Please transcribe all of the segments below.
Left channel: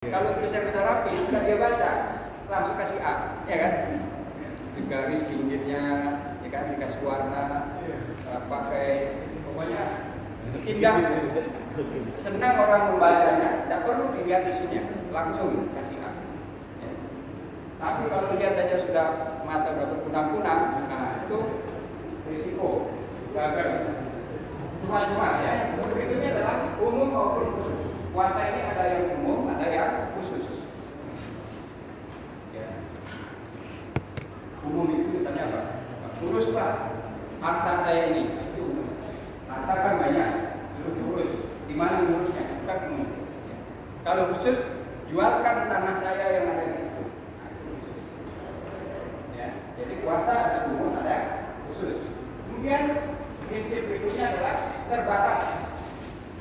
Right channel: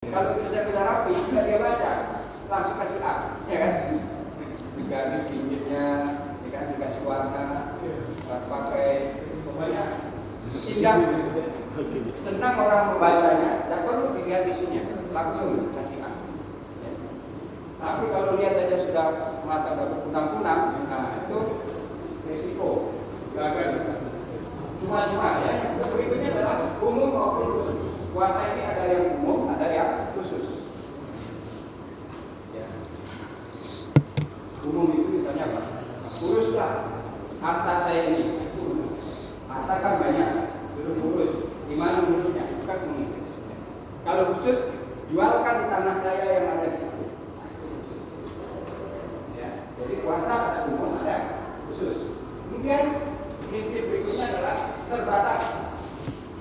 Kalau tulisan kita rapi, sudah dia baca, langsung kasih A, ya kan? Di garis pinggirnya, ya kan? Dikasih warna, pakai, pokoknya indah. Senang orang membacanya, tidak perlu dilihat isunya, langsung kasih A. Tapi kalau lihat aja sudah mata berkunang-kunang, nah itu risiko gagal. Cuma ya. Berikutnya adalah umum maupun khusus. Puasa ini ada yang umum, ada yang khusus. Ya. Umum itu misalnya apa? Uruslah harta saya ini, itu umum. Harta kan banyak, dulu urus. Di mana urusnya? Bukan umum. Ya. Kalau khusus, jualkan tanah saya yang ada di situ. Ya. Jadi puasa ada umum, ada khusus. Kemudian prinsip berikutnya adalah terbatas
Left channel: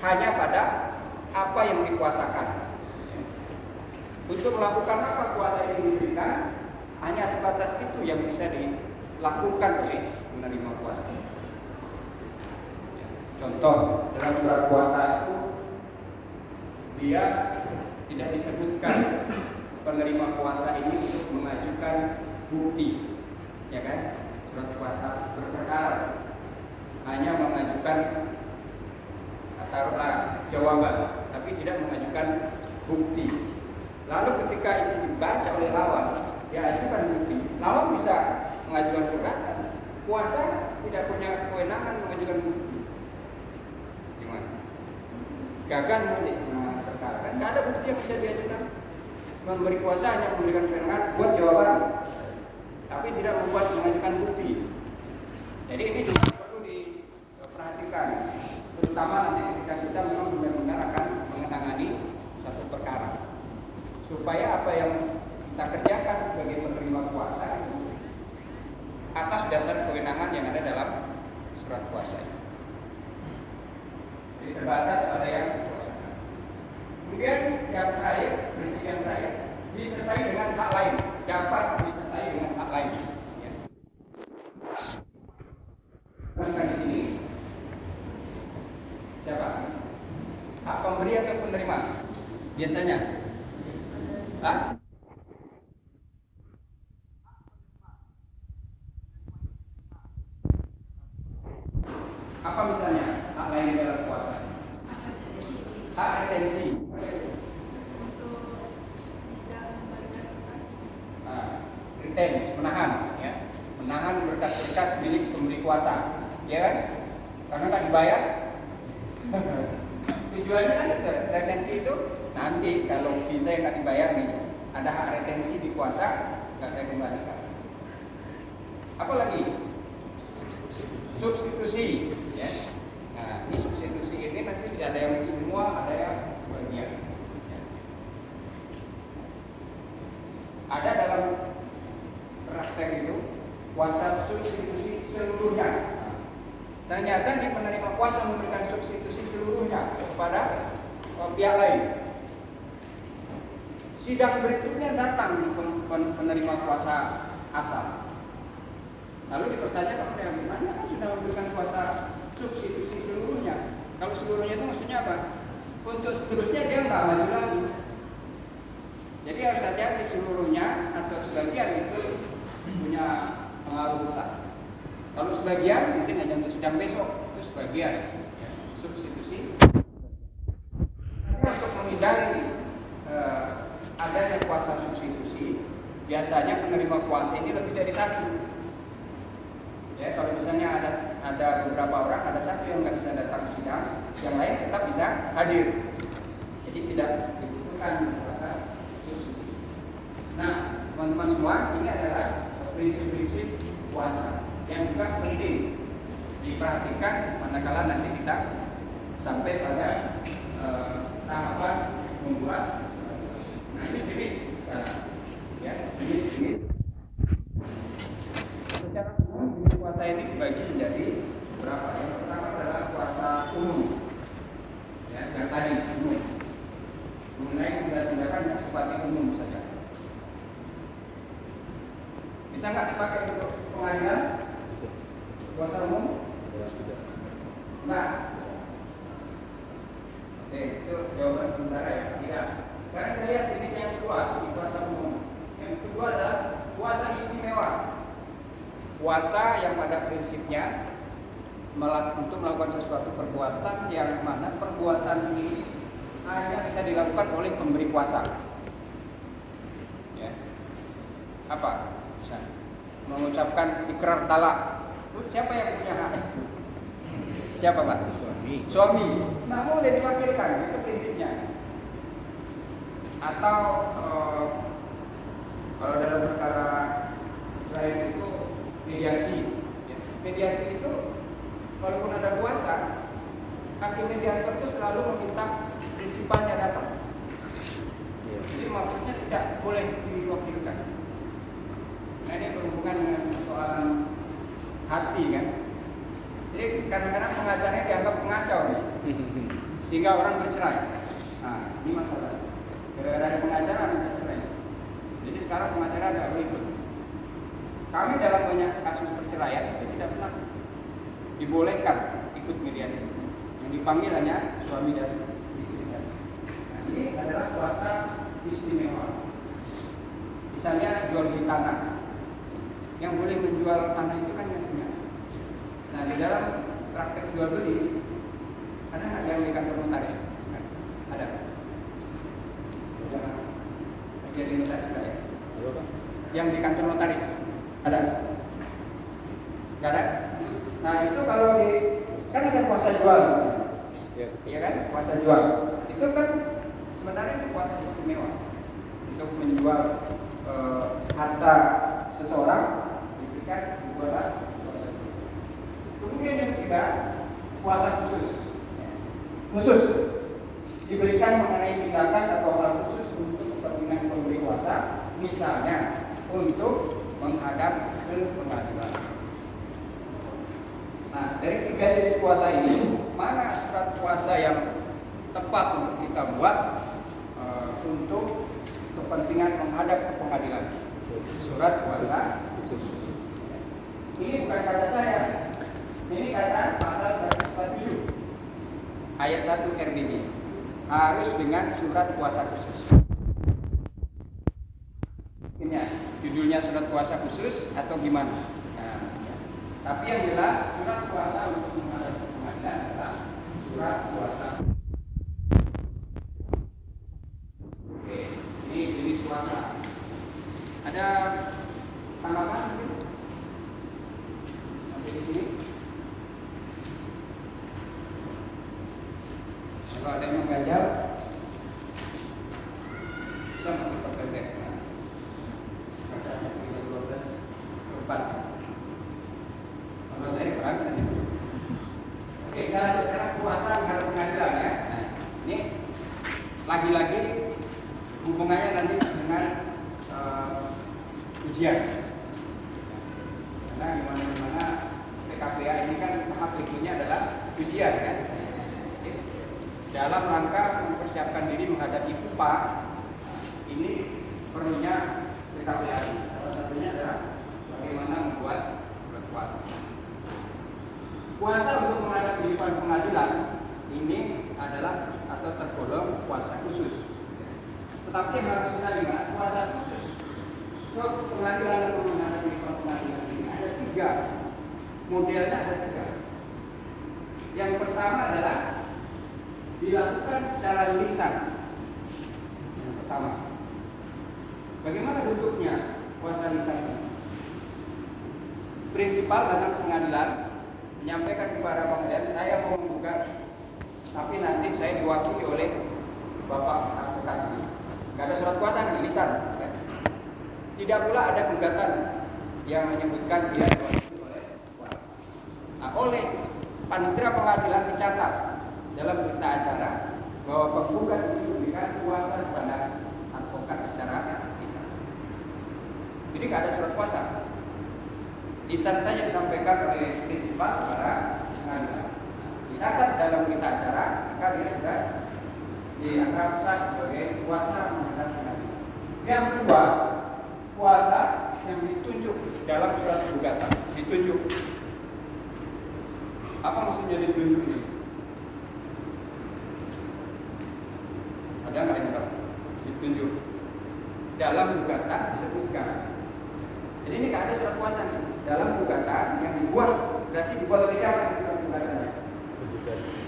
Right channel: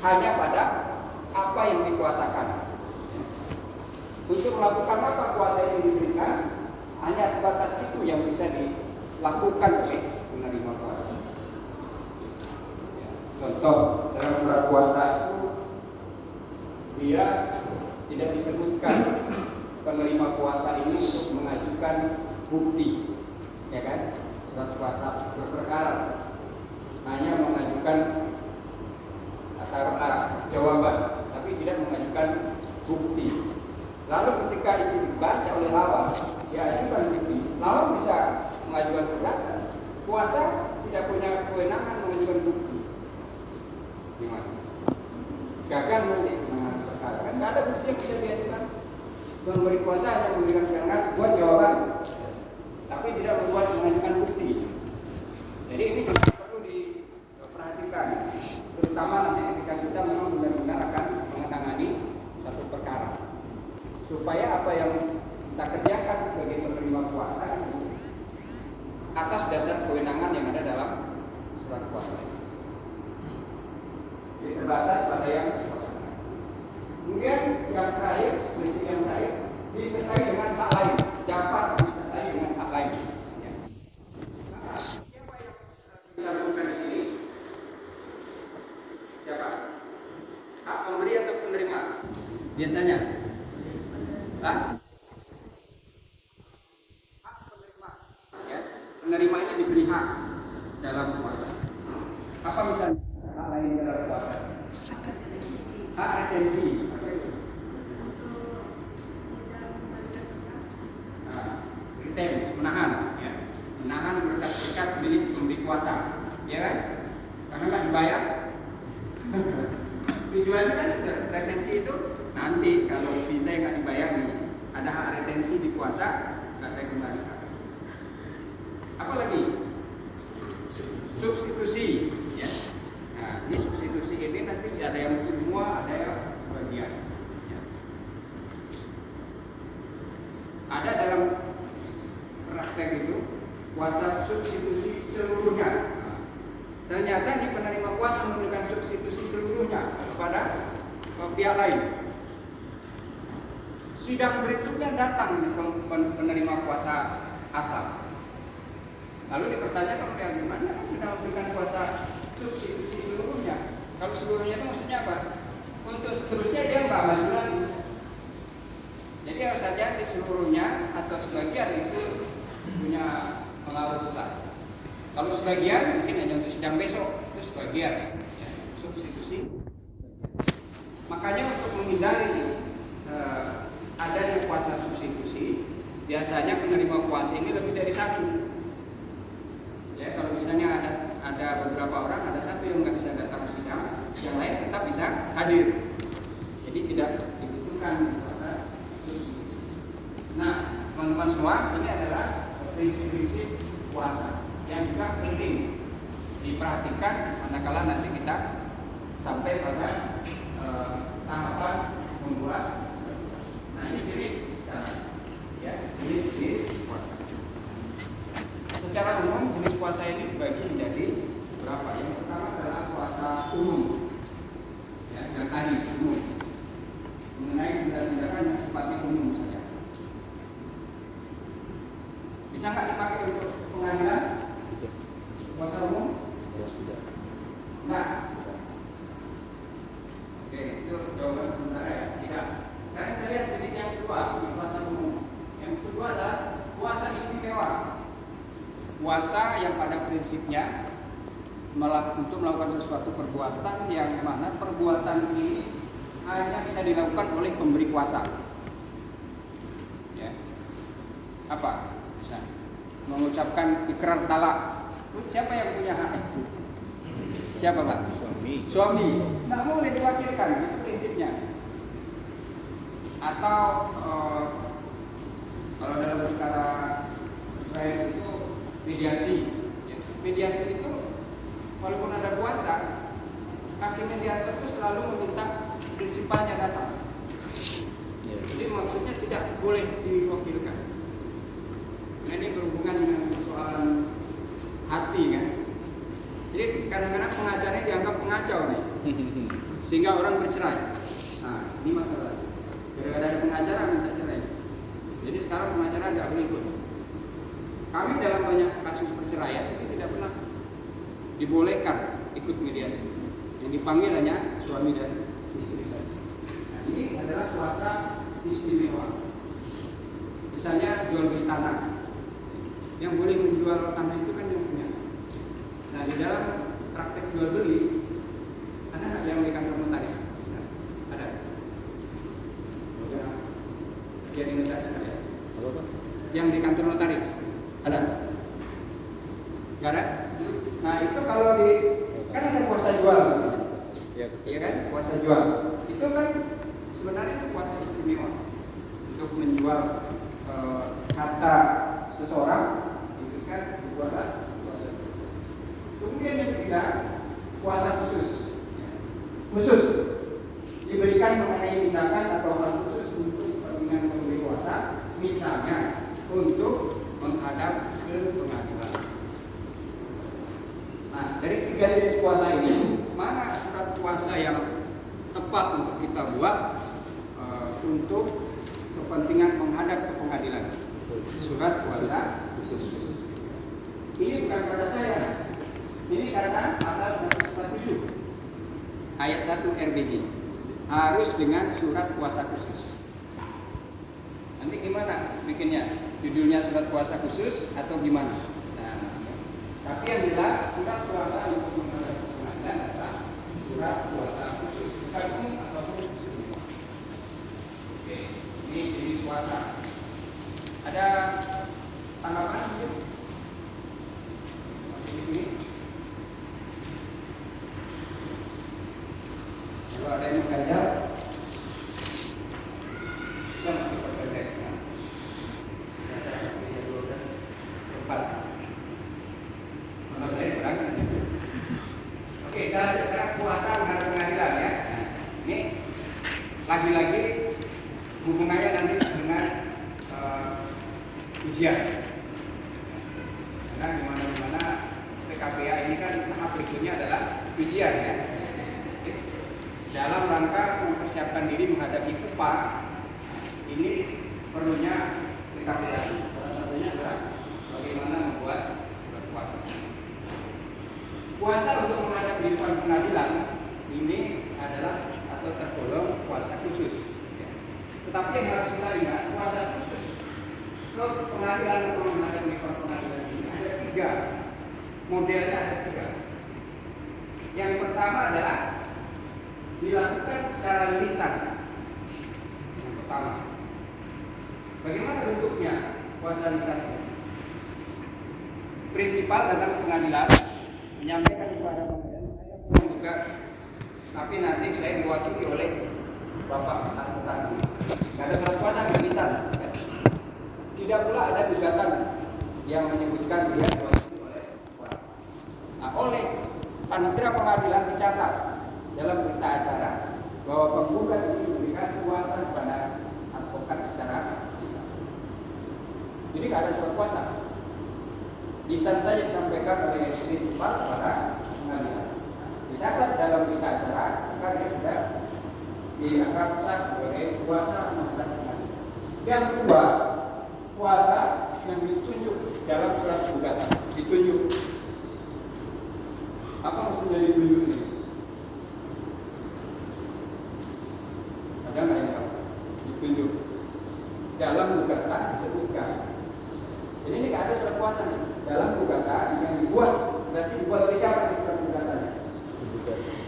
hanya pada apa yang dikuasakan. Untuk melakukan apa puasa ini diberikan, hanya sebatas itu yang bisa dilakukan oleh penerima puasa. Contoh, dalam surat puasa itu dia tidak disebutkan penerima puasa ini untuk mengajukan bukti, ya kan? Surat puasa berperkara hanya mengajukan jawaban, tapi tidak mengajukan bukti. Lalu ketika itu dibaca oleh lawan, diajukan bukti, lawan bisa mengajukan keberatan. Puasa tidak punya kewenangan mengajukan bukti. Gimana? Gagal nanti penanganan perkara. Kan tidak ada bukti yang bisa diajukan. Memberi kuasa hanya memberikan kewenangan buat jawaban, tapi tidak membuat mengajukan bukti. Jadi ini perlu diperhatikan, terutama nanti ketika kita memang benar-benar akan menangani satu perkara, supaya apa yang kita kerjakan sebagai penerima kuasa itu atas dasar kewenangan yang ada dalam surat kuasa. Jadi terbatas pada yang dikuasakan. Kemudian yang terakhir, prinsip yang terakhir, disertai dengan hak lain, dapat disertai dengan hak lain. Kita temukan di sini. Siapa? Hak pemberi atau penerima? Biasanya. Hah? Hak penerima. Ya. Penerimanya diberi hak dalam puasa. Apa misalnya hak lain dalam puasa? Hak retensi. Apa itu? Retensi, menahan. Ya. Menahan berkas-berkas milik pemberi kuasa. Ya kan? Karena nggak dibayar. Tujuannya kan retensi itu nanti kalau bisa yang nggak dibayar nih, ada hak retensi di kuasa, nggak saya kembalikan. Apalagi substitusi, ya. Nah, ini substitusi ini nanti tidak ada yang semua, ada yang sebagian. Ya. Ada dalam praktek itu kuasa substitusi seluruhnya. Ternyata di penerima kuasa memberikan substitusi seluruhnya kepada pihak lain. Sidang berikutnya datang di penerima kuasa asal. Lalu dipertanyakan kayak gimana kan sudah memberikan kuasa substitusi seluruhnya. Kalau seluruhnya itu maksudnya apa? Untuk seterusnya dia nggak maju lagi. Jadi harus hati-hati seluruhnya atau sebagian itu punya pengaruh besar. Kalau sebagian mungkin hanya untuk sidang besok, itu sebagian ya, substitusi. Makanya untuk menghindari adanya kuasa substitusi, biasanya penerima kuasa ini lebih dari satu. Ya, kalau misalnya ada beberapa orang, ada satu yang nggak bisa datang ke sidang, yang lain tetap bisa hadir. Jadi tidak dibutuhkan kuasa substitusi. Nah, teman-teman semua, ini adalah prinsip-prinsip puasa yang juga penting diperhatikan manakala nanti kita sampai pada tahapan membuat. Nah, ini jenis sekarang, ya, jenis puasa. Secara umum jenis puasa ini dibagi menjadi berapa? Yang pertama adalah puasa umum, ya, yang tadi umum, mengenai tindakan yang sifatnya umum saja. Bisa nggak dipakai untuk pengadilan? Puasa umum? Nah, oke, itu jawaban sementara ya. Tidak. Karena kita lihat kuasa yang pada prinsipnya untuk melakukan sesuatu perbuatan yang mana perbuatan ini hanya bisa dilakukan oleh pemberi kuasa. Ya. Apa? Bisa mengucapkan ikrar talak. Siapa yang punya hak itu? Siapa, Pak? Suami. Nggak boleh diwakilkan, itu prinsipnya. Atau kalau dalam perkara Israel itu mediasi. Mediasi itu walaupun ada kuasa, hakim mediator itu selalu meminta prinsipalnya datang. Jadi maksudnya tidak boleh diwakilkan. Nah, ini berhubungan dengan persoalan hati kan. Jadi kadang-kadang pengacaranya dianggap pengacau nih. Sehingga orang bercerai. Nah, ini masalah. Gara-gara ada pengacara minta cerai. Jadi sekarang pengacara nggak boleh ikut. Kami dalam banyak kasus perceraian itu tidak pernah dibolehkan ikut mediasi. Yang dipanggil hanya suami dan istri saja. Nah, ini adalah kuasa istimewa. Misalnya jual beli tanah. Yang boleh menjual tanah itu kan yang punya. Nah, di dalam praktek jual beli ada nggak yang di kantor notaris? Nah, ada. Jadi notaris nggak ya? Yang di kantor notaris ada? Nggak ada? Nah, itu kalau di kan ada kuasa jual, ya kan? Kuasa jual itu kan sebenarnya itu kuasa istimewa untuk menjual harta seseorang diberikan kepada kuasa. Kemudian yang ketiga, kuasa khusus. Khusus diberikan mengenai tindakan atau hal khusus untuk kepentingan pemberi kuasa, misalnya untuk menghadap ke pengadilan. Nah, dari tiga jenis kuasa ini, mana surat kuasa yang tepat untuk kita buat untuk kepentingan menghadap ke pengadilan? Surat kuasa khusus. Ini bukan kata saya, ini kata pasal 147 ayat 1 RBG. Harus dengan surat kuasa khusus. Nanti gimana bikinnya? Judulnya surat kuasa khusus atau gimana? Nah, ya. Tapi yang jelas surat kuasa untuk menghadap ke pengadilan adalah surat kuasa khusus. Oke, ini jenis kuasa. Ada tanggapan? Sampai di sini. Kalau ada yang mengajar, bisa kita pendek. Baca ayat 12:4. Menurut saya kurang. Oke, sekarang kuasa menghadap pengadilan ya. Nah, ini lagi-lagi hubungannya nanti dengan ujian. Karena dimana-dimana PKPA ini kan tahap berikutnya adalah ujian ya. Dalam rangka mempersiapkan diri menghadapi KUPA, ini perlunya PKPA. Salah satunya adalah bagaimana membuat surat kuasa. Kuasa untuk menghadapi di depan pengadilan ini adalah atau tergolong kuasa khusus. Tetapi yang harus kita ingat, kuasa khusus ke pengadilan atau menghadapi di depan pengadilan ini ada tiga. Modelnya ada tiga. Yang pertama adalah dilakukan secara lisan. Yang pertama, bagaimana bentuknya kuasa lisannya? Prinsipal datang ke pengadilan, menyampaikan kepada pengadilan, saya mau menggugat, tapi nanti saya diwakili oleh bapak advokat ini. Tidak ada surat kuasa di lisan. Tidak pula ada gugatan yang menyebutkan dia diwakili oleh kuasa. Nah, oleh panitia pengadilan dicatat dalam berita acara bahwa penggugat itu memberikan kuasa kepada advokat secara lisan. Jadi tidak ada surat kuasa. Lisan saja disampaikan oleh prinsipal kepada pengadilan. Dicatat dalam berita acara, maka dia sudah dianggap sah sebagai kuasa menghadap pengadilan. Yang kedua, kuasa yang ditunjuk dalam surat gugatan. Ditunjuk. Apa maksudnya ditunjuk ini? Ada nggak yang tahu? Ditunjuk dalam gugatan disebutkan Jadi ini nggak ada surat kuasa nih dalam gugatan yang dibuat. Berarti dibuat oleh siapa nih surat gugatannya?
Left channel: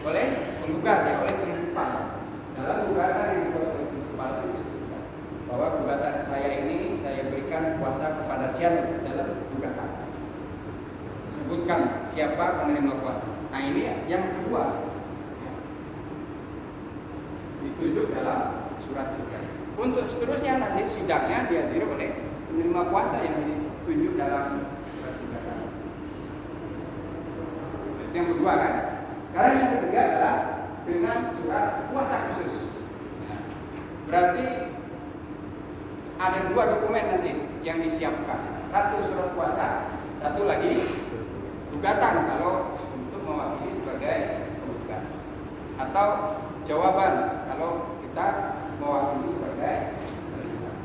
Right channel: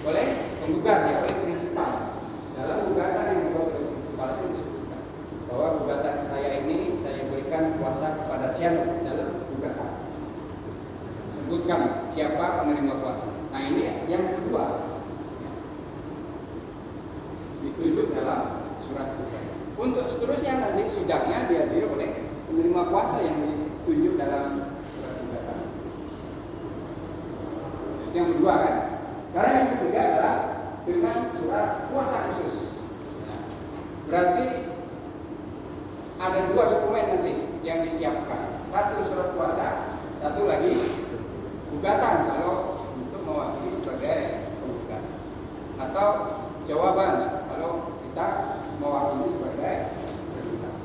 Oleh penggugat ya, oleh prinsipal. Dalam gugatan yang dibuat oleh prinsipal itu disebutkan bahwa gugatan saya ini saya berikan kuasa kepada siapa dalam gugatan. Sebutkan siapa penerima kuasanya. Nah ini yang kedua, ya, ditunjuk dalam surat gugatan. Untuk seterusnya nanti sidangnya dihadiri oleh penerima kuasa yang ditunjuk dalam surat gugatan. Yang kedua kan. Sekarang yang ketiga adalah dengan surat kuasa khusus. Ya. Berarti ada dua dokumen nanti yang disiapkan. Satu surat kuasa, satu lagi gugatan kalau untuk mewakili sebagai penggugat, atau jawaban kalau kita mewakili sebagai penggugat.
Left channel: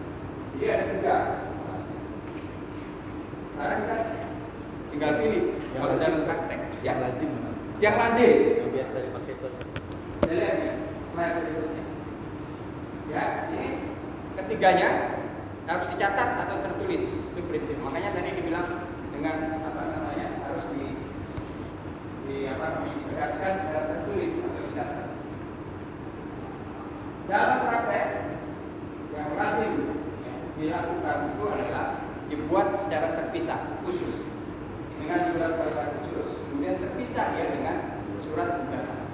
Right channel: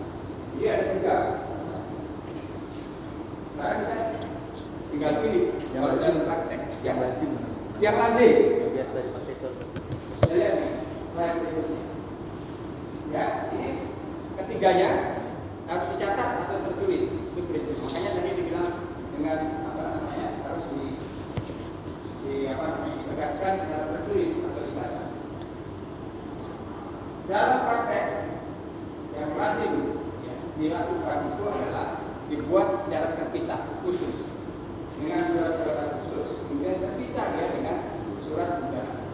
Jadi ada tiga. Sekarang kita tinggal pilih kalau dalam praktek yang lazim. Yang lazim yang biasa dipakai surat. Lihat slide berikutnya. Ya, ini ketiganya harus dicatat atau tertulis. Itu prinsip. Makanya tadi dibilang dengan apa namanya harus ditegaskan secara tertulis atau dicatat. Dalam praktek yang lazim dilakukan itu adalah dibuat secara terpisah khusus dengan surat kuasa khusus, kemudian terpisah dia dengan surat gugatan.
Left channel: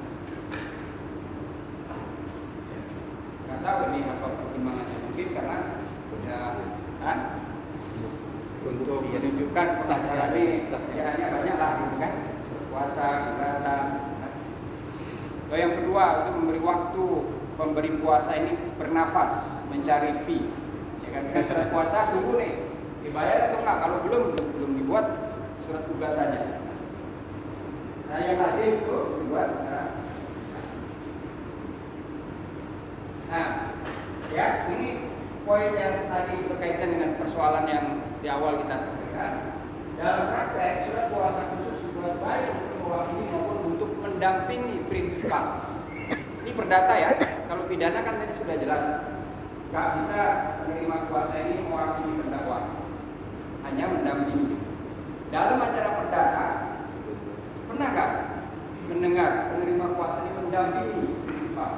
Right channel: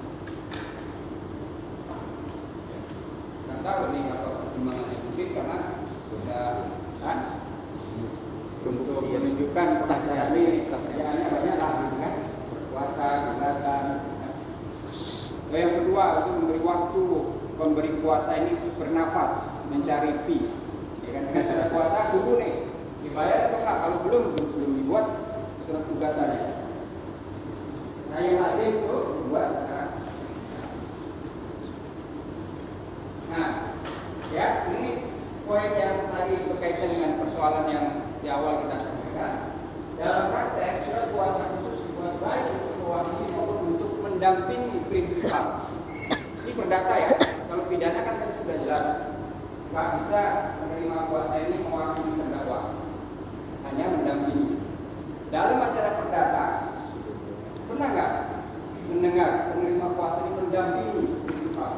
Nggak tahu ini apa pertimbangannya, mungkin karena ya untuk menunjukkan pengacara ini kerjaannya banyak lah gitu kan, kuasa gugatan. Lalu yang kedua itu memberi waktu pemberi kuasa ini bernafas mencari fee. Ya kan, dengan surat kuasa tunggu nih dibayar atau enggak, kalau belum dibuat surat gugatannya. Nah yang lazim itu dibuat secara. Nah ya ini poin yang tadi berkaitan dengan persoalan yang di awal kita sampaikan. Dalam praktek surat kuasa khusus dibuat baik untuk mewakili maupun untuk mendampingi prinsipal. Ini perdata ya. Kalau pidana kan tadi sudah jelas, nggak bisa menerima kuasa ini mewakili terdakwa, hanya mendampingi. Dalam acara perdata, pernah nggak mendengar penerima kuasa ini mendampingi prinsipal?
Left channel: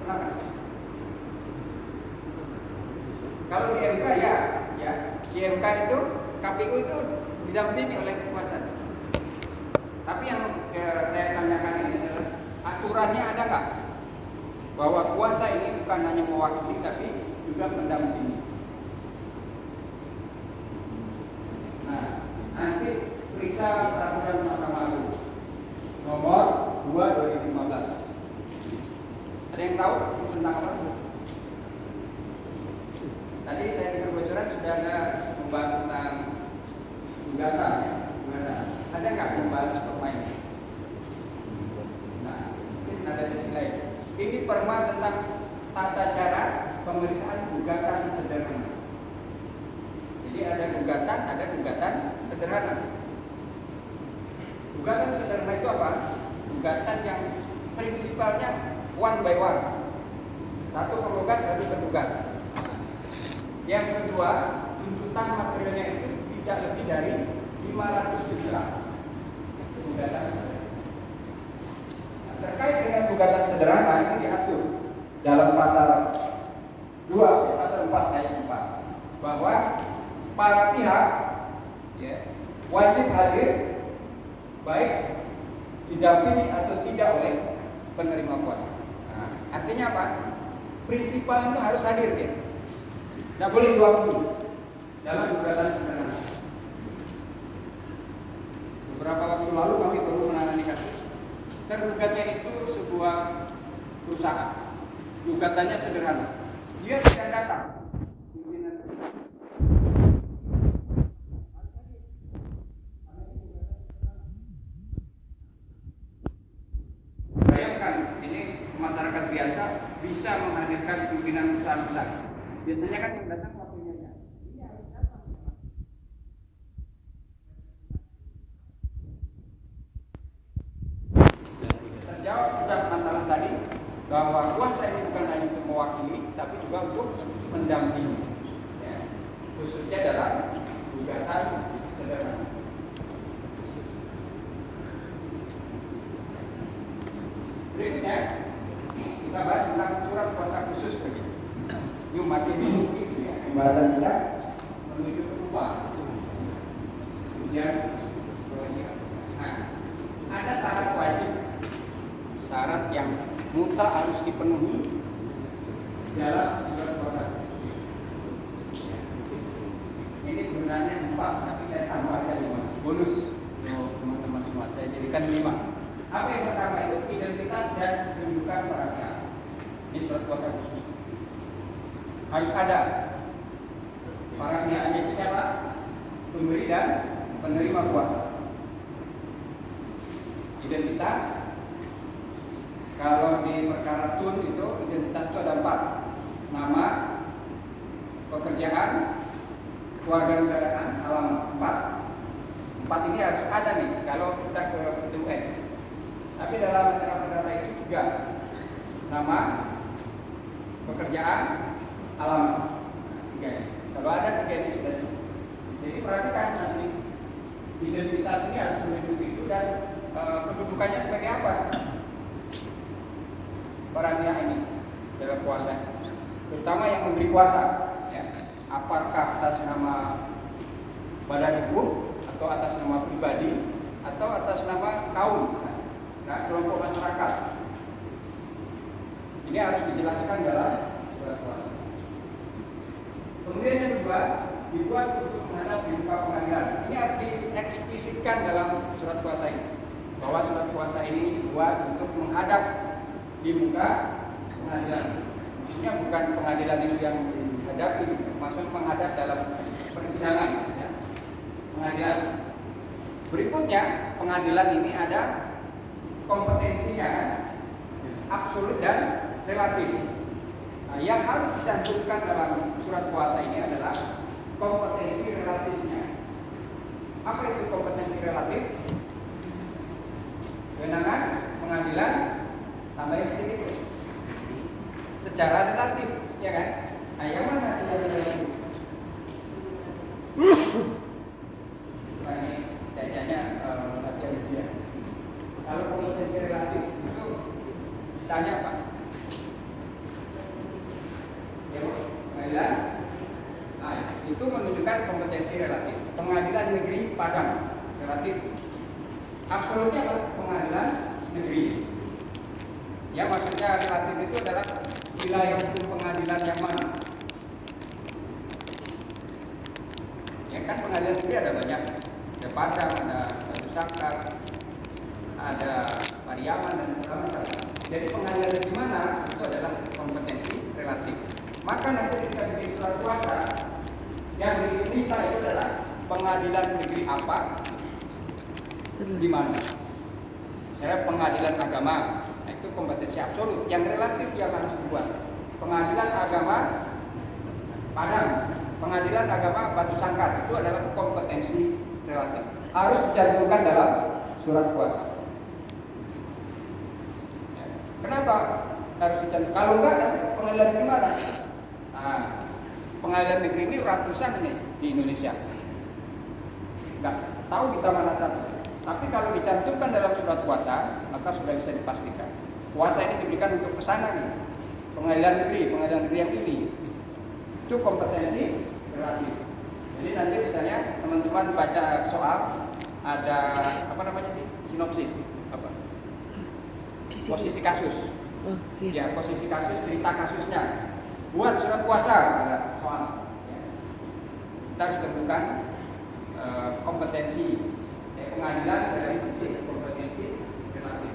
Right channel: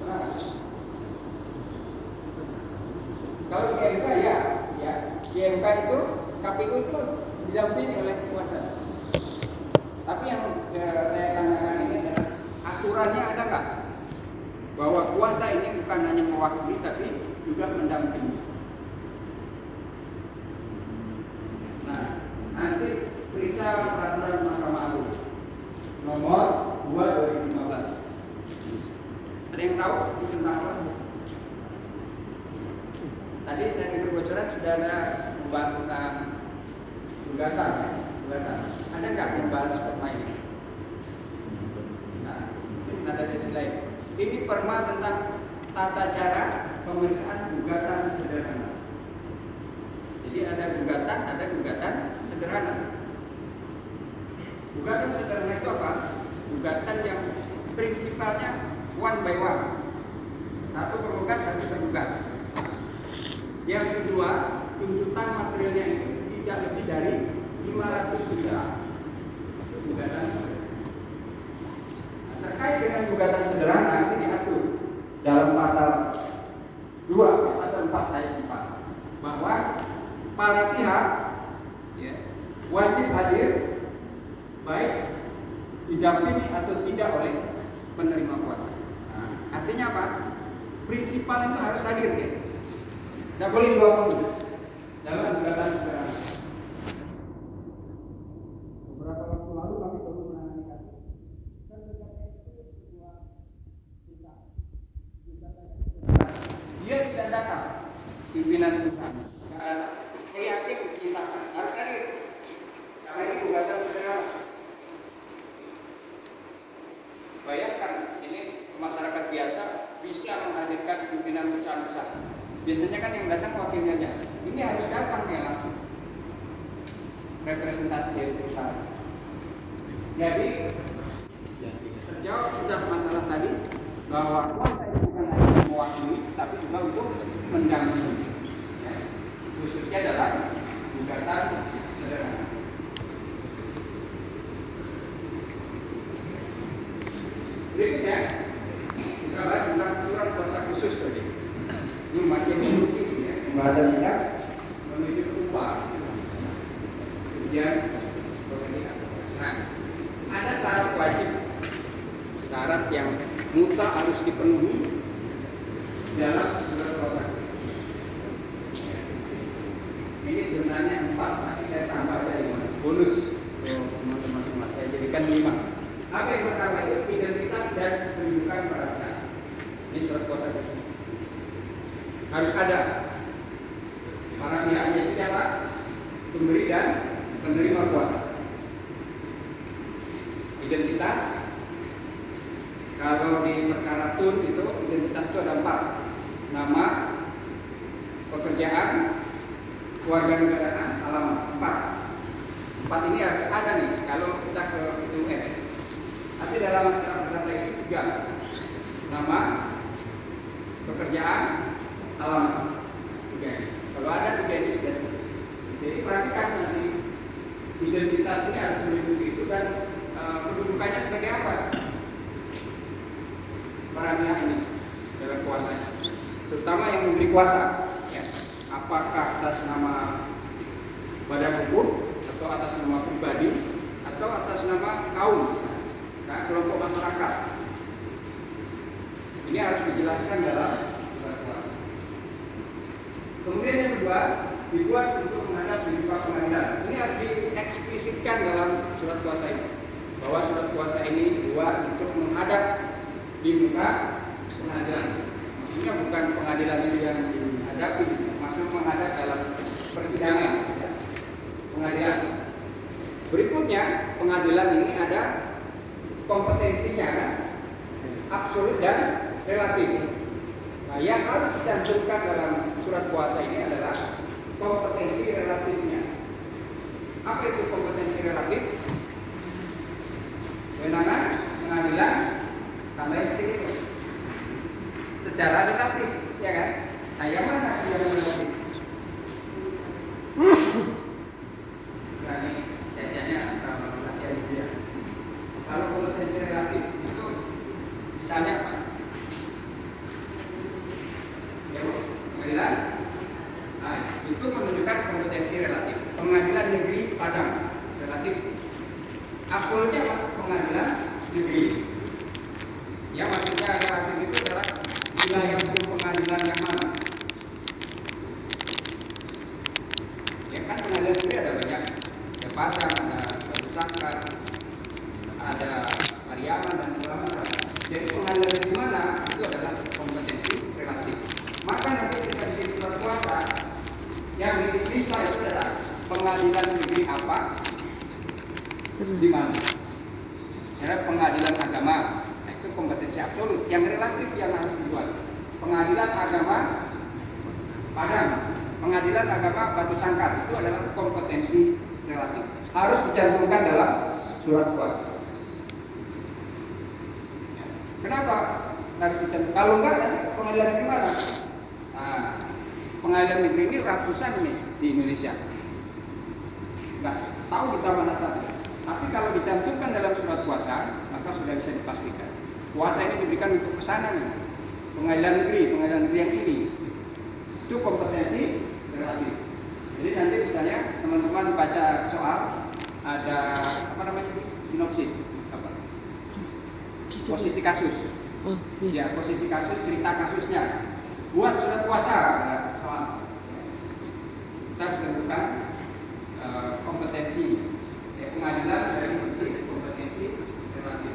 Pernah nggak? Kalau di MK ya, di MK itu KPU itu didampingi oleh kuasa. Tapi yang saya tanyakan ini adalah aturannya ada nggak bahwa kuasa ini bukan hanya mewakili tapi juga mendampingi. Nah, nanti periksa peraturan Mahkamah Agung nomor 2/2015. Ada yang tahu tentang apa? Tadi saya dengar bocoran sudah ada membahas tentang gugatan ya. Ada nggak membahas perma ini? Nah, mungkin ada sesi lain. Ini perma tentang tata cara pemeriksaan gugatan sederhana. Jadi ada gugatan sederhana. Gugatan sederhana itu apa? Gugatan yang prinsipalnya one by one. Satu penggugat, satu tergugat. Yang kedua, tuntutan materialnya itu tidak lebih dari 500 juta. Gugatan sederhana. Terkait dengan gugatan sederhana ini diatur dalam pasal 2, pasal 4 ayat 4 bahwa para pihak ya, wajib hadir baik didampingi atau tidak oleh penerima kuasa. Nah, artinya apa? Prinsipal itu harus hadir ya. Tidak boleh diwakili dalam gugatan sederhana. Beberapa waktu lalu kami baru menangani kasus. Tergugatnya itu sebuah perusahaan. Gugatannya sederhana. Dia tidak datang. Pimpinan itu hakim kita harus hadir. Karena ini gugatan sederhana. Bayangkan ini masyarakat biasa bisa menghadirkan pimpinan perusahaan besar. Biasanya kan yang datang wakilnya aja. Ini harus datang ya langsung. Representasi dari perusahaan. Jadi terjawab sudah masalah tadi bahwa kuasa itu bukan hanya mewakili tapi juga untuk mendampingi. catatan sederhana. Berikutnya kita bahas tentang surat kuasa khusus tadi. Ini makin mungkin ya, pembahasan kita menuju kedua. Kemudian nah, ada syarat wajib, syarat yang mutlak harus dipenuhi dalam surat kuasa. Ini sebenarnya 4, tapi saya tambah ada 5 bonus. Teman-teman saya jadikan 5. Apa yang pertama itu identitas dan kedudukan perannya di surat kuasa khusus. Harus ada para pihaknya itu siapa? Pemberi dan penerima kuasa. Identitas, kalau di perkara tun itu identitas itu ada 4: nama, pekerjaan, kewarganegaraan, alamat. 4 ini harus ada nih kalau kita ke PTUN. Tapi dalam data itu juga nama, pekerjaan, alamat. Oke. Kalau ada 3 ini sudah. Jadi perhatikan nanti identitas ini harus meliputi itu dan kedudukannya sebagai apa para pihak ini dalam kuasa, terutama yang memberi kuasa. Ya. Apakah atas nama badan hukum atau atas nama pribadi atau atas nama kaum, nah, kelompok masyarakat. Ini harus dijelaskan dalam surat kuasa. Kemudian yang kedua, dibuat untuk menghadap di muka pengadilan. Ini harus dieksplisitkan dalam surat kuasa ini, bahwa surat kuasa ini dibuat untuk menghadap di muka pengadilan. Maksudnya bukan pengadilan yang menghadapi, maksudnya menghadap dalam persidangan. Ya. Pengadilan. Berikutnya, pengadilan ini ada kompetensinya absolut dan relatif. Nah, yang harus dicantumkan dalam surat kuasa ini adalah kompetensi relatifnya. Apa itu kompetensi relatif? Kewenangan pengadilan tambah sedikit secara relatif, ya kan? Nah, yang mana secara relatif? Nah, ini kayaknya latihan dia. Kalau kompetensi relatif itu misalnya apa? Ya, pengadilan. Nah, itu menunjukkan kompetensi relatif. Pengadilan negeri Padang relatif. Absolutnya apa? Pengadilan negeri. Ya, maksudnya relatif itu adalah wilayah hukum pengadilan yang mana? Ya kan, pengadilan negeri ada banyak. Ada Padang, ada Batu Sangkar, ada Pariaman dan segala macam. Jadi pengadilan negeri mana itu adalah kompetensi relatif. Maka nanti kita bikin surat kuasa yang diminta itu adalah pengadilan negeri apa, di mana. Misalnya pengadilan agama, nah itu kompetensi absolut. Yang relatif yang harus dibuat pengadilan agama Padang, pengadilan agama Batu Sangkar, itu adalah kompetensi relatif. Harus dicantumkan dalam surat kuasa. Ya. Kenapa harus dicantumkan? Kalau enggak, pengadilan negeri mana? Nah, pengadilan negeri ini ratusan nih di Indonesia. Enggak tahu kita mana satu. Tapi kalau dicantumkan dalam surat kuasa, maka sudah bisa dipastikan kuasa ini diberikan untuk kesana nih. Pengadilan negeri yang ini. Itu kompetensi relatif. Jadi nanti misalnya teman-teman baca soal ada apa namanya sih? Sinopsis apa? Posisi kasus. Ya, posisi kasus, cerita kasusnya. Buat surat kuasa ada soal. Kita harus temukan kompetensi pengadilan dari sisi kompetensi relatif.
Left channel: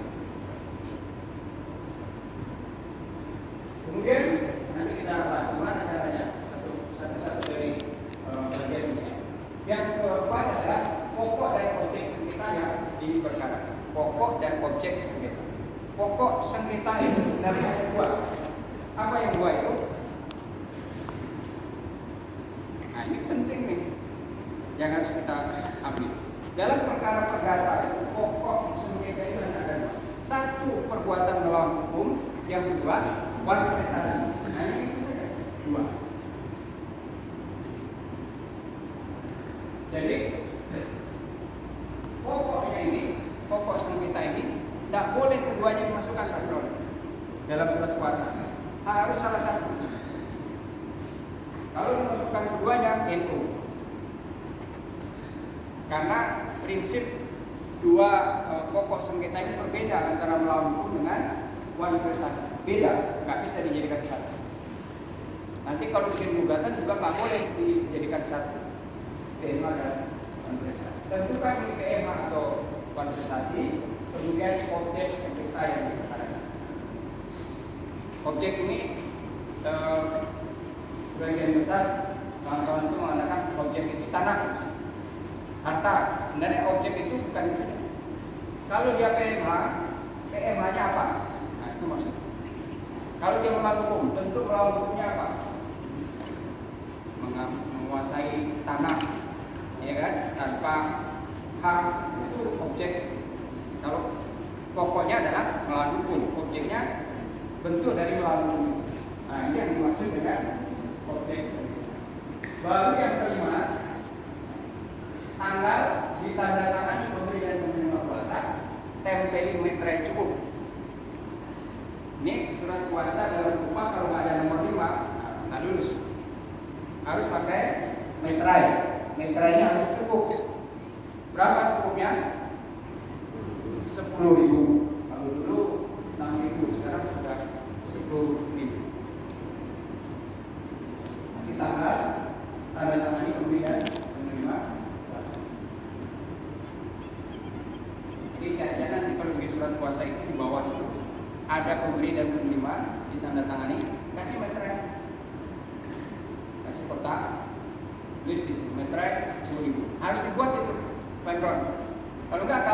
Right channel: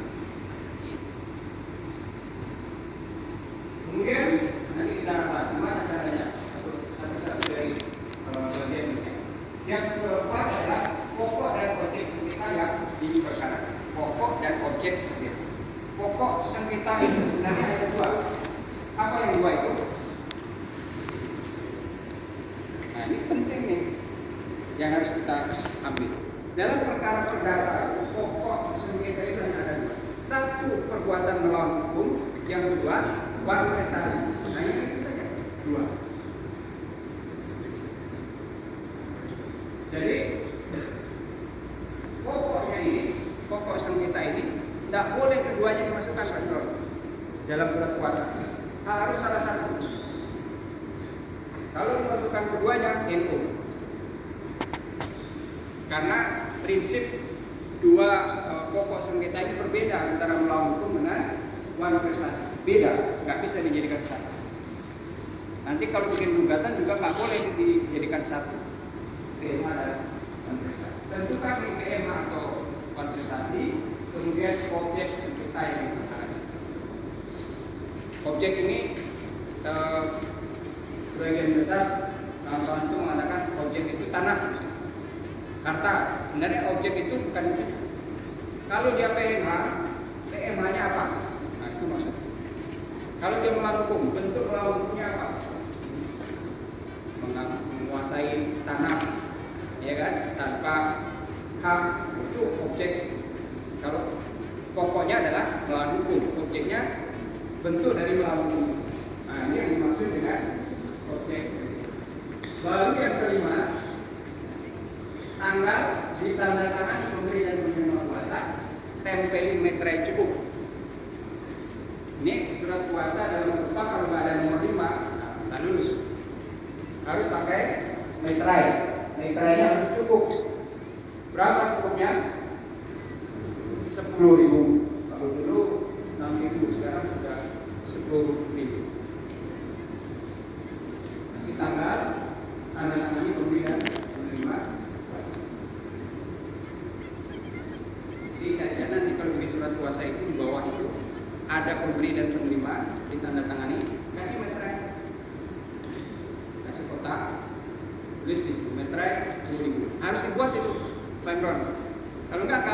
Kemudian nanti kita bahas gimana caranya satu-satu dari bagian ini. Yang keempat adalah pokok dan objek sengketa yang di perkara. Pokok dan objek sengketa. Pokok sengketa itu sebenarnya ada 2. Apa yang 2 itu? Nah, ini penting nih yang harus kita ambil. Dalam perkara perdata, pokok sengketa itu hanya ada 2. 1, perbuatan melawan hukum. Yang kedua, uang prestasi. Nah, yang itu saja 2. Jadi dalam surat kuasa. Harus salah satu. Kalau memasukkan keduanya, NU. Karena prinsip dua pokok sengketa ini berbeda antara melawan hukum dengan manifestasi. Beda, nggak bisa dijadikan satu. Nanti kalau bikin gugatan juga nggak boleh dijadikan satu. PMA dan manifestasi. Tentukan di PMA atau manifestasi, kemudian objek sengketa yang diperkarakan. Objek ini sebagian besar kawan-kawan itu mengatakan objek itu tanah, harta. Sebenarnya objek itu bukan itu. Kalau dia PMA, PMA-nya apa? Nah itu maksudnya. Kalau dia melawan hukum, bentuk melawan hukumnya apa? Menguasai tanah, ya kan? Tanpa hak, itu objek. Kalau pokoknya adalah melawan hukum, objeknya bentuk dari melawan hukum. Nah ini yang dimaksud dengan objek. Baru yang kelima, tanggal ditandatangani pemberi dan penerima kuasa, tempelin meter yang cukup. Ini surat kuasa dalam rupa kalau nggak ada nomor 5, nah lulus. Harus pakai meterai. Meterainya harus cukup. Berapa cukupnya? 10.000. Kalau dulu 6.000, sekarang sudah 10.000. Kasih tanggal, tanda tangani pemberi dan penerima kuasa. Jadi jangan nanti kalau bikin surat kuasa itu di bawah itu ada pemberi dan penerima ditandatangani, kasih meterai, kasih kotak, tulis di situ meterai 10.000. Harus dibuat itu, Pak Imron. Kalau nggak apa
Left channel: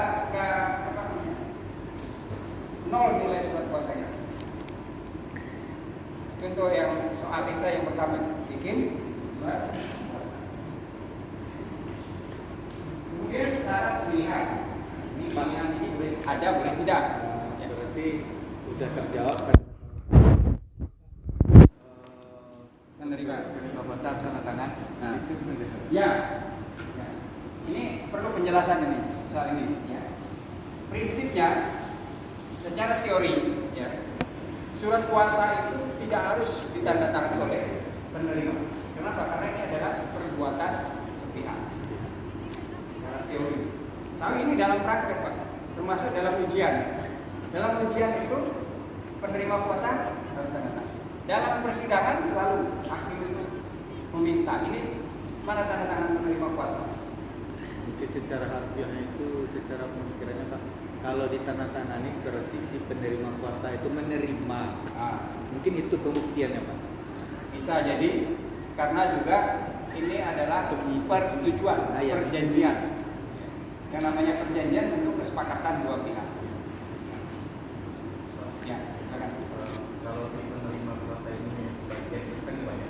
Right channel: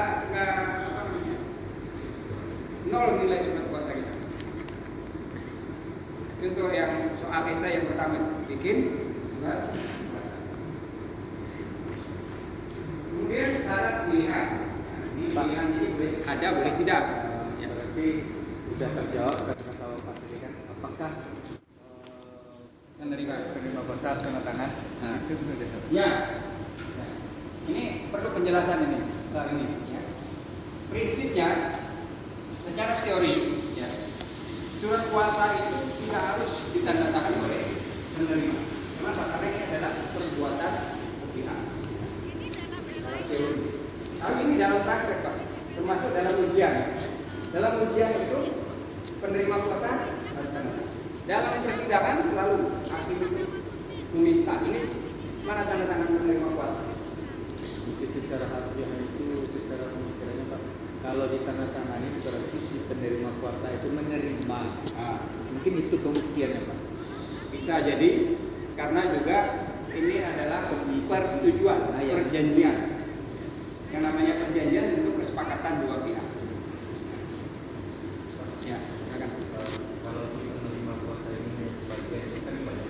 namanya, 0 nilai surat kuasa kita. Itu yang soal desa yang pertama bikin surat kuasa. Kemudian syarat pilihan. Ini pilihan ini boleh ada, boleh tidak. Ya. Berarti sudah terjawab kata-kata apakah penerima kuasa harus tanda tangan? Nah. Itu sudah. Ya. Ini perlu penjelasan ini soal ini. Ya. Prinsipnya secara teori, ya, surat kuasa itu tidak harus ditandatangani oleh penerima. Kenapa? Karena ini adalah perbuatan sepihak. Secara teori. Tapi ini dalam praktek, Pak, termasuk dalam ujian. Dalam ujian itu penerima kuasa harus tanda tangan. Dalam persidangan selalu hakim itu meminta ini mana tanda tangan penerima kuasa. Mungkin secara harfiahnya itu secara pemikirannya Pak, kalau ditandatangani berarti si penerima kuasa itu menerima. Mungkin itu pembuktiannya Pak. Bisa jadi karena juga ini adalah persetujuan, perjanjian. Yang namanya perjanjian tentu kesepakatan dua pihak. Ya, Kalau si penerima kuasa ini sebagai kan banyak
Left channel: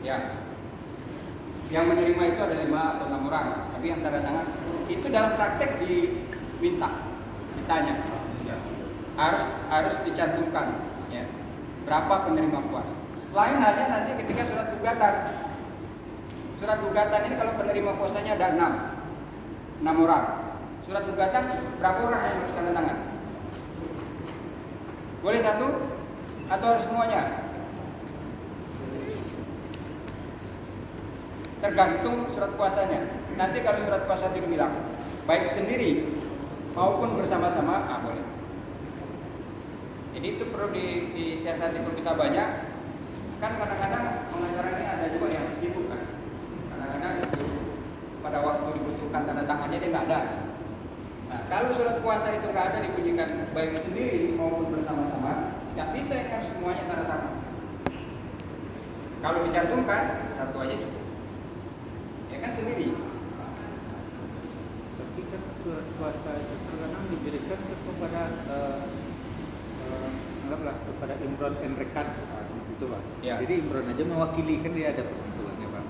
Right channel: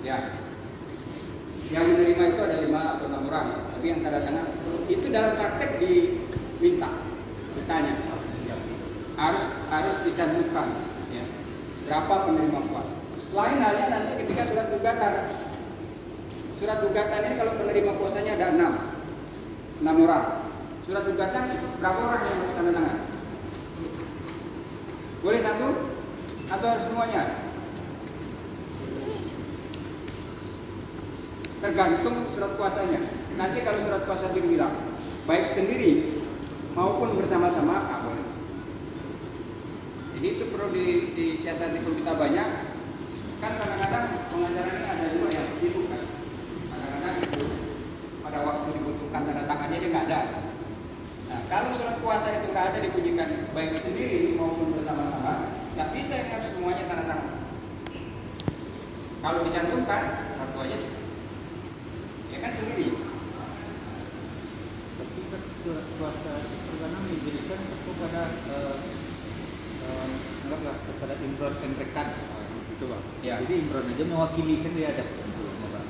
ya. Yang menerima itu ada 5 atau 6 orang, tapi yang tanda tangan itu dalam praktek diminta, ditanya, harus dicantumkan, ya, berapa penerima kuasa. Lain halnya nanti ketika surat gugatan. Surat gugatan ini kalau penerima kuasanya ada 6 orang. Surat gugatan berapa orang yang harus tanda tangan? Boleh 1 atau harus semuanya? Tergantung surat kuasanya. Nanti kalau surat kuasa dibilang baik sendiri maupun bersama-sama, boleh. Jadi itu perlu disiasati kita banyak. Kan kadang-kadang pengacara ini ada juga yang sibuk kan. Kadang-kadang itu pada waktu dibutuhkan tanda tangannya dia nggak ada. Nah, kalau surat kuasa itu nggak ada dibunyikan baik sendiri maupun bersama-sama, nggak bisa yang harus semuanya tanda tangan. Kalau dicantumkan satu aja cukup. Ya kan sendiri. Tapi kan surat kuasa itu kan diberikan kepada kepada Imron dan rekan gitu Pak. Ya. Jadi Imron aja mewakili, kan dia ada ketentuannya Pak.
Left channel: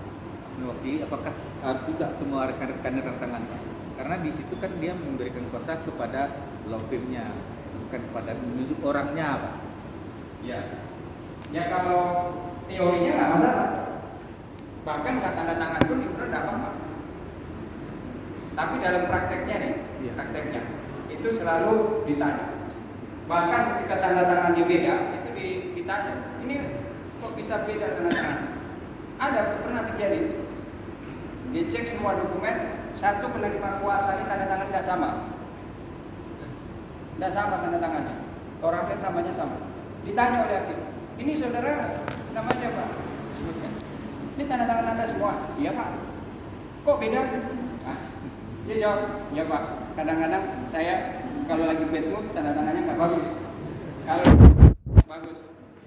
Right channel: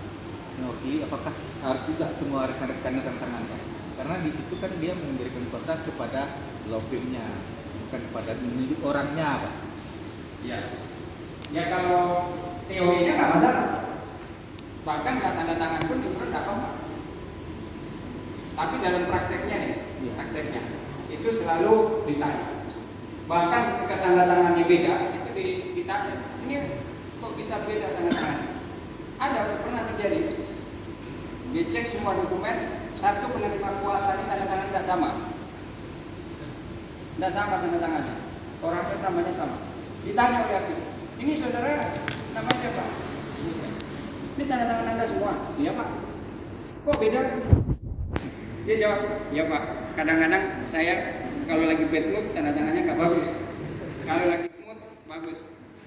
Mewakili apakah harus juga semua rekan-rekannya tangannya? Karena di situ kan dia memberikan kuasa kepada law firm-nya, bukan kepada menunjuk orangnya Pak. Ya. Ya kalau teorinya nggak masalah. Bahkan nggak tanda tangan pun Imron nggak apa-apa. Tapi dalam prakteknya nih, prakteknya itu selalu ditanya. Bahkan ketika tanda tangannya beda, itu ditanya, ini kok bisa beda tanda tangan? Ada, pernah terjadi. Dicek semua dokumen, satu penerima kuasa ini tanda tangan tidak sama. Tidak sama tanda tangannya. Orangnya namanya sama. Ditanya oleh hakim, ini saudara namanya siapa? Ini tanda tangan Anda semua. Iya Pak. Kok beda? Nah, dia jawab, iya Pak. Kadang-kadang saya kalau lagi bad mood tanda tangannya nggak bagus. Kalau lagi good mood bagus.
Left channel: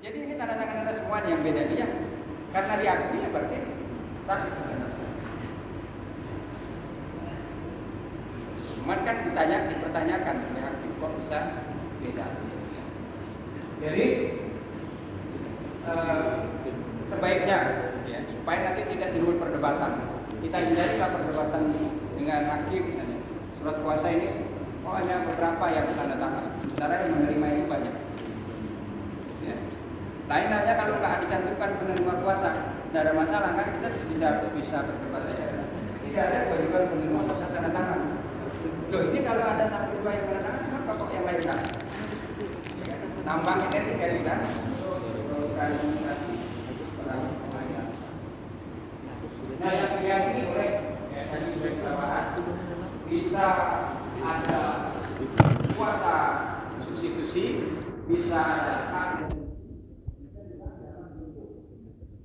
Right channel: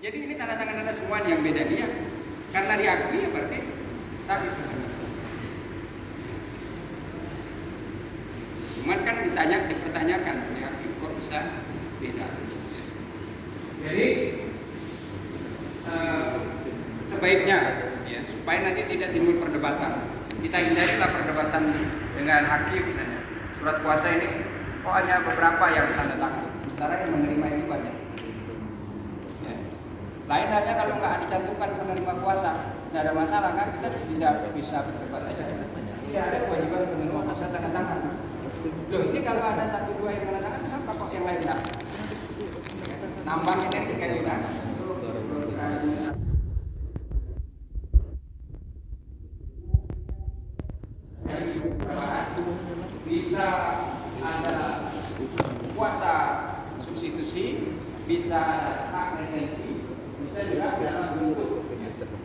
Jadi ini tanda tangan Anda semua yang beda dia. Karena diakui ya berarti sama. Cuman kan dipertanyakan oleh hakim kok bisa beda. Jadi sebaiknya ya supaya nanti tidak timbul perdebatan. Kita hindarilah perdebatan dengan hakim misalnya. Surat kuasa ini hanya beberapa yang tanda tangan, sementara yang menerima itu banyak. Ya. Lain halnya kalau nggak dicantumkan penerima kuasa, nggak ada masalah kan kita bisa berdebat aja. Iya ada kewajiban penerima kuasa tanda tangan. Loh ini kalau ada 1-2 yang tanda tangan, kenapa kok yang lain nggak? Nambah energi kan kita. Nah yang diyakini oleh tadi sudah kita bahas bisa ada kuasa substitusi, bisa ada hak retensi, bisa juga dalam bentuk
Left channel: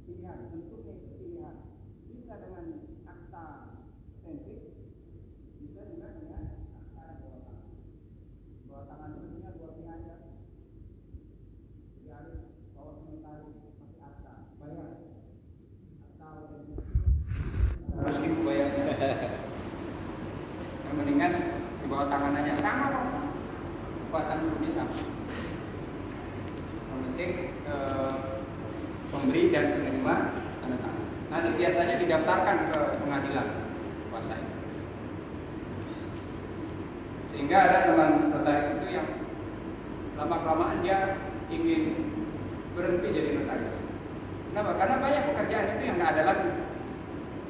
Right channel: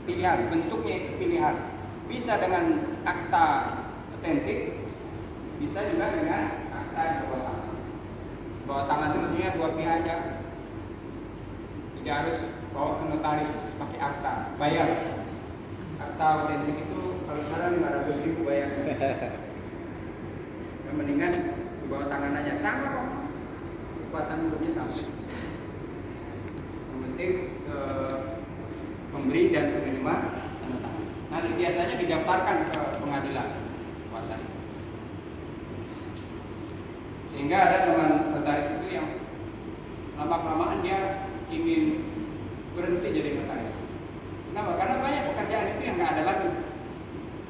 pilihan, bentuknya itu pilihan. Bisa dengan akta otentik, bisa juga dengan akta di bawah tangan. Bawah tangan itu maksudnya dua pihak aja. Tidak harus bawa ke notaris pakai akta, bayar. Akta otentik itu kalau sekarang 500.000 bayar. Yang mendingan di bawah tangan aja sama kok. Kekuatan hukumnya sama. Yang penting pemberi dan penerima tanda tangan. Nanti biasanya didaftarkan ke pengadilan kuasa ini. Sehingga ada teman notaris itu yang lama-kelamaan dia ingin berhenti jadi notaris. Kenapa? Karena banyak pekerjaan itu yang nggak ada lagi.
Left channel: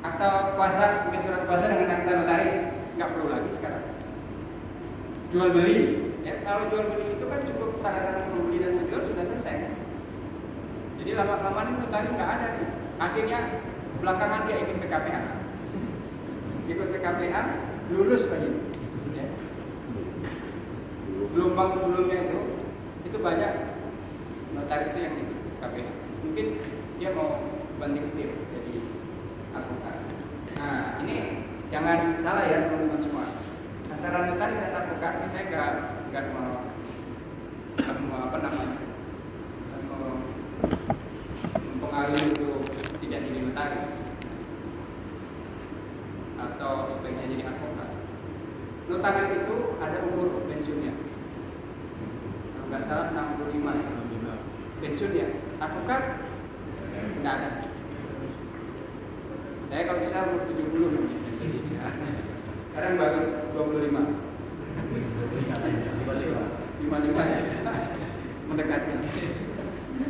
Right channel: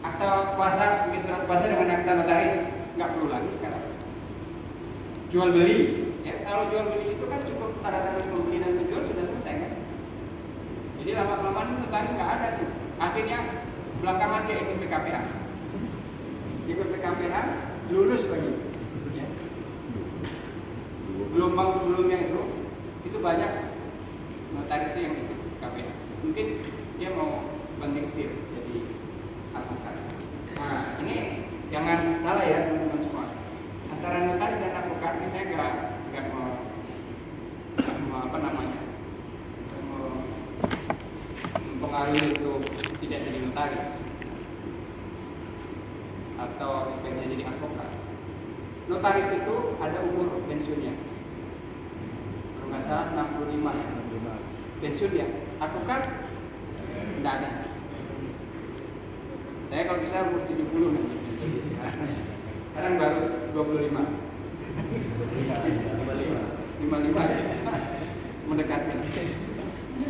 Akta kuasa, bikin surat kuasa dengan akta notaris nggak perlu lagi sekarang. Jual beli, ya kalau jual beli itu kan cukup tanda tangan pembeli dan penjual sudah selesai kan. Jadi lama-kelamaan notaris nggak ada nih. Akhirnya belakangan dia ikut PKPA. Ikut PKPA, lulus lagi. Ya. Gelombang sebelumnya itu banyak notaris itu yang ikut PKPA. Mungkin dia mau banding setir jadi advokat. Nah ini jangan salah ya teman-teman semua. Antara notaris dan advokat ini saya nggak mau mempengaruhi untuk tidak jadi notaris atau sebaiknya jadi advokat. Notaris itu ada umur pensiunnya. Kalau nggak salah 65 ya. Pensiun ya. Advokat nggak ada. Saya kalau bisa umur 70 nanti pensiun. Sekarang baru 25. 55 ya. Mendekati.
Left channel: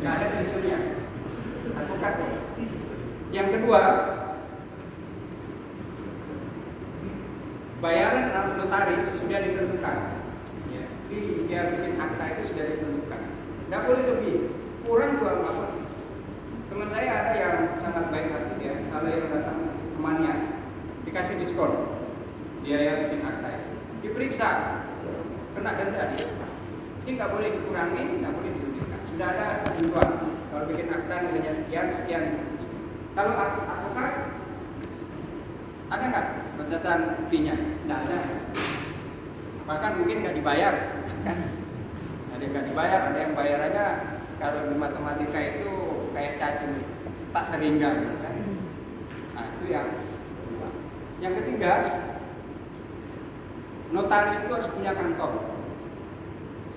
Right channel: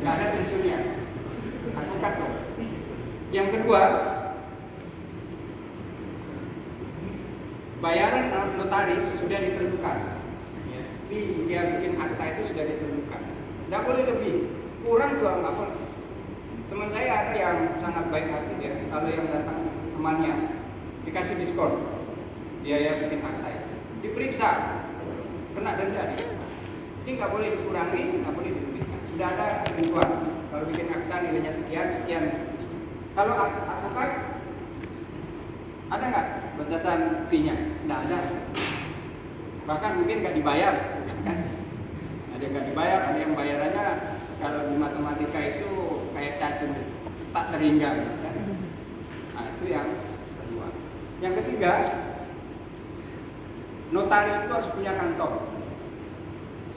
Nggak ada pensiunnya. Advokat tuh. Yang kedua, bayaran notaris sudah ditentukan. Fee dia bikin akta itu sudah ditentukan. Tidak boleh lebih, kurang juga nggak boleh. Teman saya ada yang sangat baik hati dia, kalau yang datang temannya dikasih diskon, biaya bikin akta itu, diperiksa, kena denda. Ini nggak boleh dikurangi, nggak boleh dilebihkan. Sudah ada ketentuan, kalau bikin akta nilainya sekian, sekian. Kalau advokat ada nggak batasan fee-nya? Nggak ada. Bahkan mungkin nggak dibayar, kan? Ada yang nggak dibayar, ada yang bayarannya kalau di matematika itu kayak cacing tak terhingga, gitu kan? Nah itu yang kedua. Yang ketiga, notaris itu harus punya kantor.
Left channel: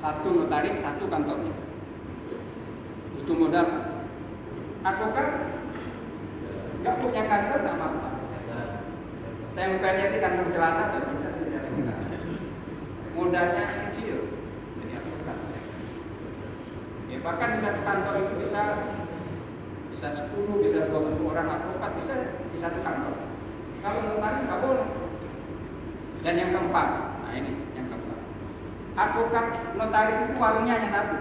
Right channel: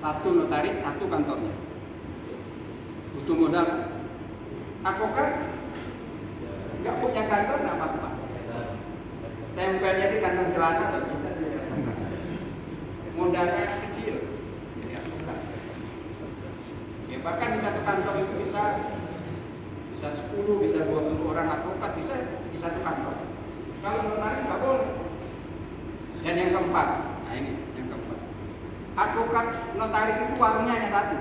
Satu notaris, satu kantornya. Butuh modal. Advokat nggak punya kantor, nggak apa-apa. Stempelnya di kantong celana bisa tidak advokat. Modalnya kecil, jadi advokat. Ya bahkan di satu kantor itu bisa 10, bisa 20 orang advokat bisa di satu kantor. Kalau notaris nggak boleh. Dan yang keempat, nah ini yang keempat, advokat notaris itu warungnya hanya satu.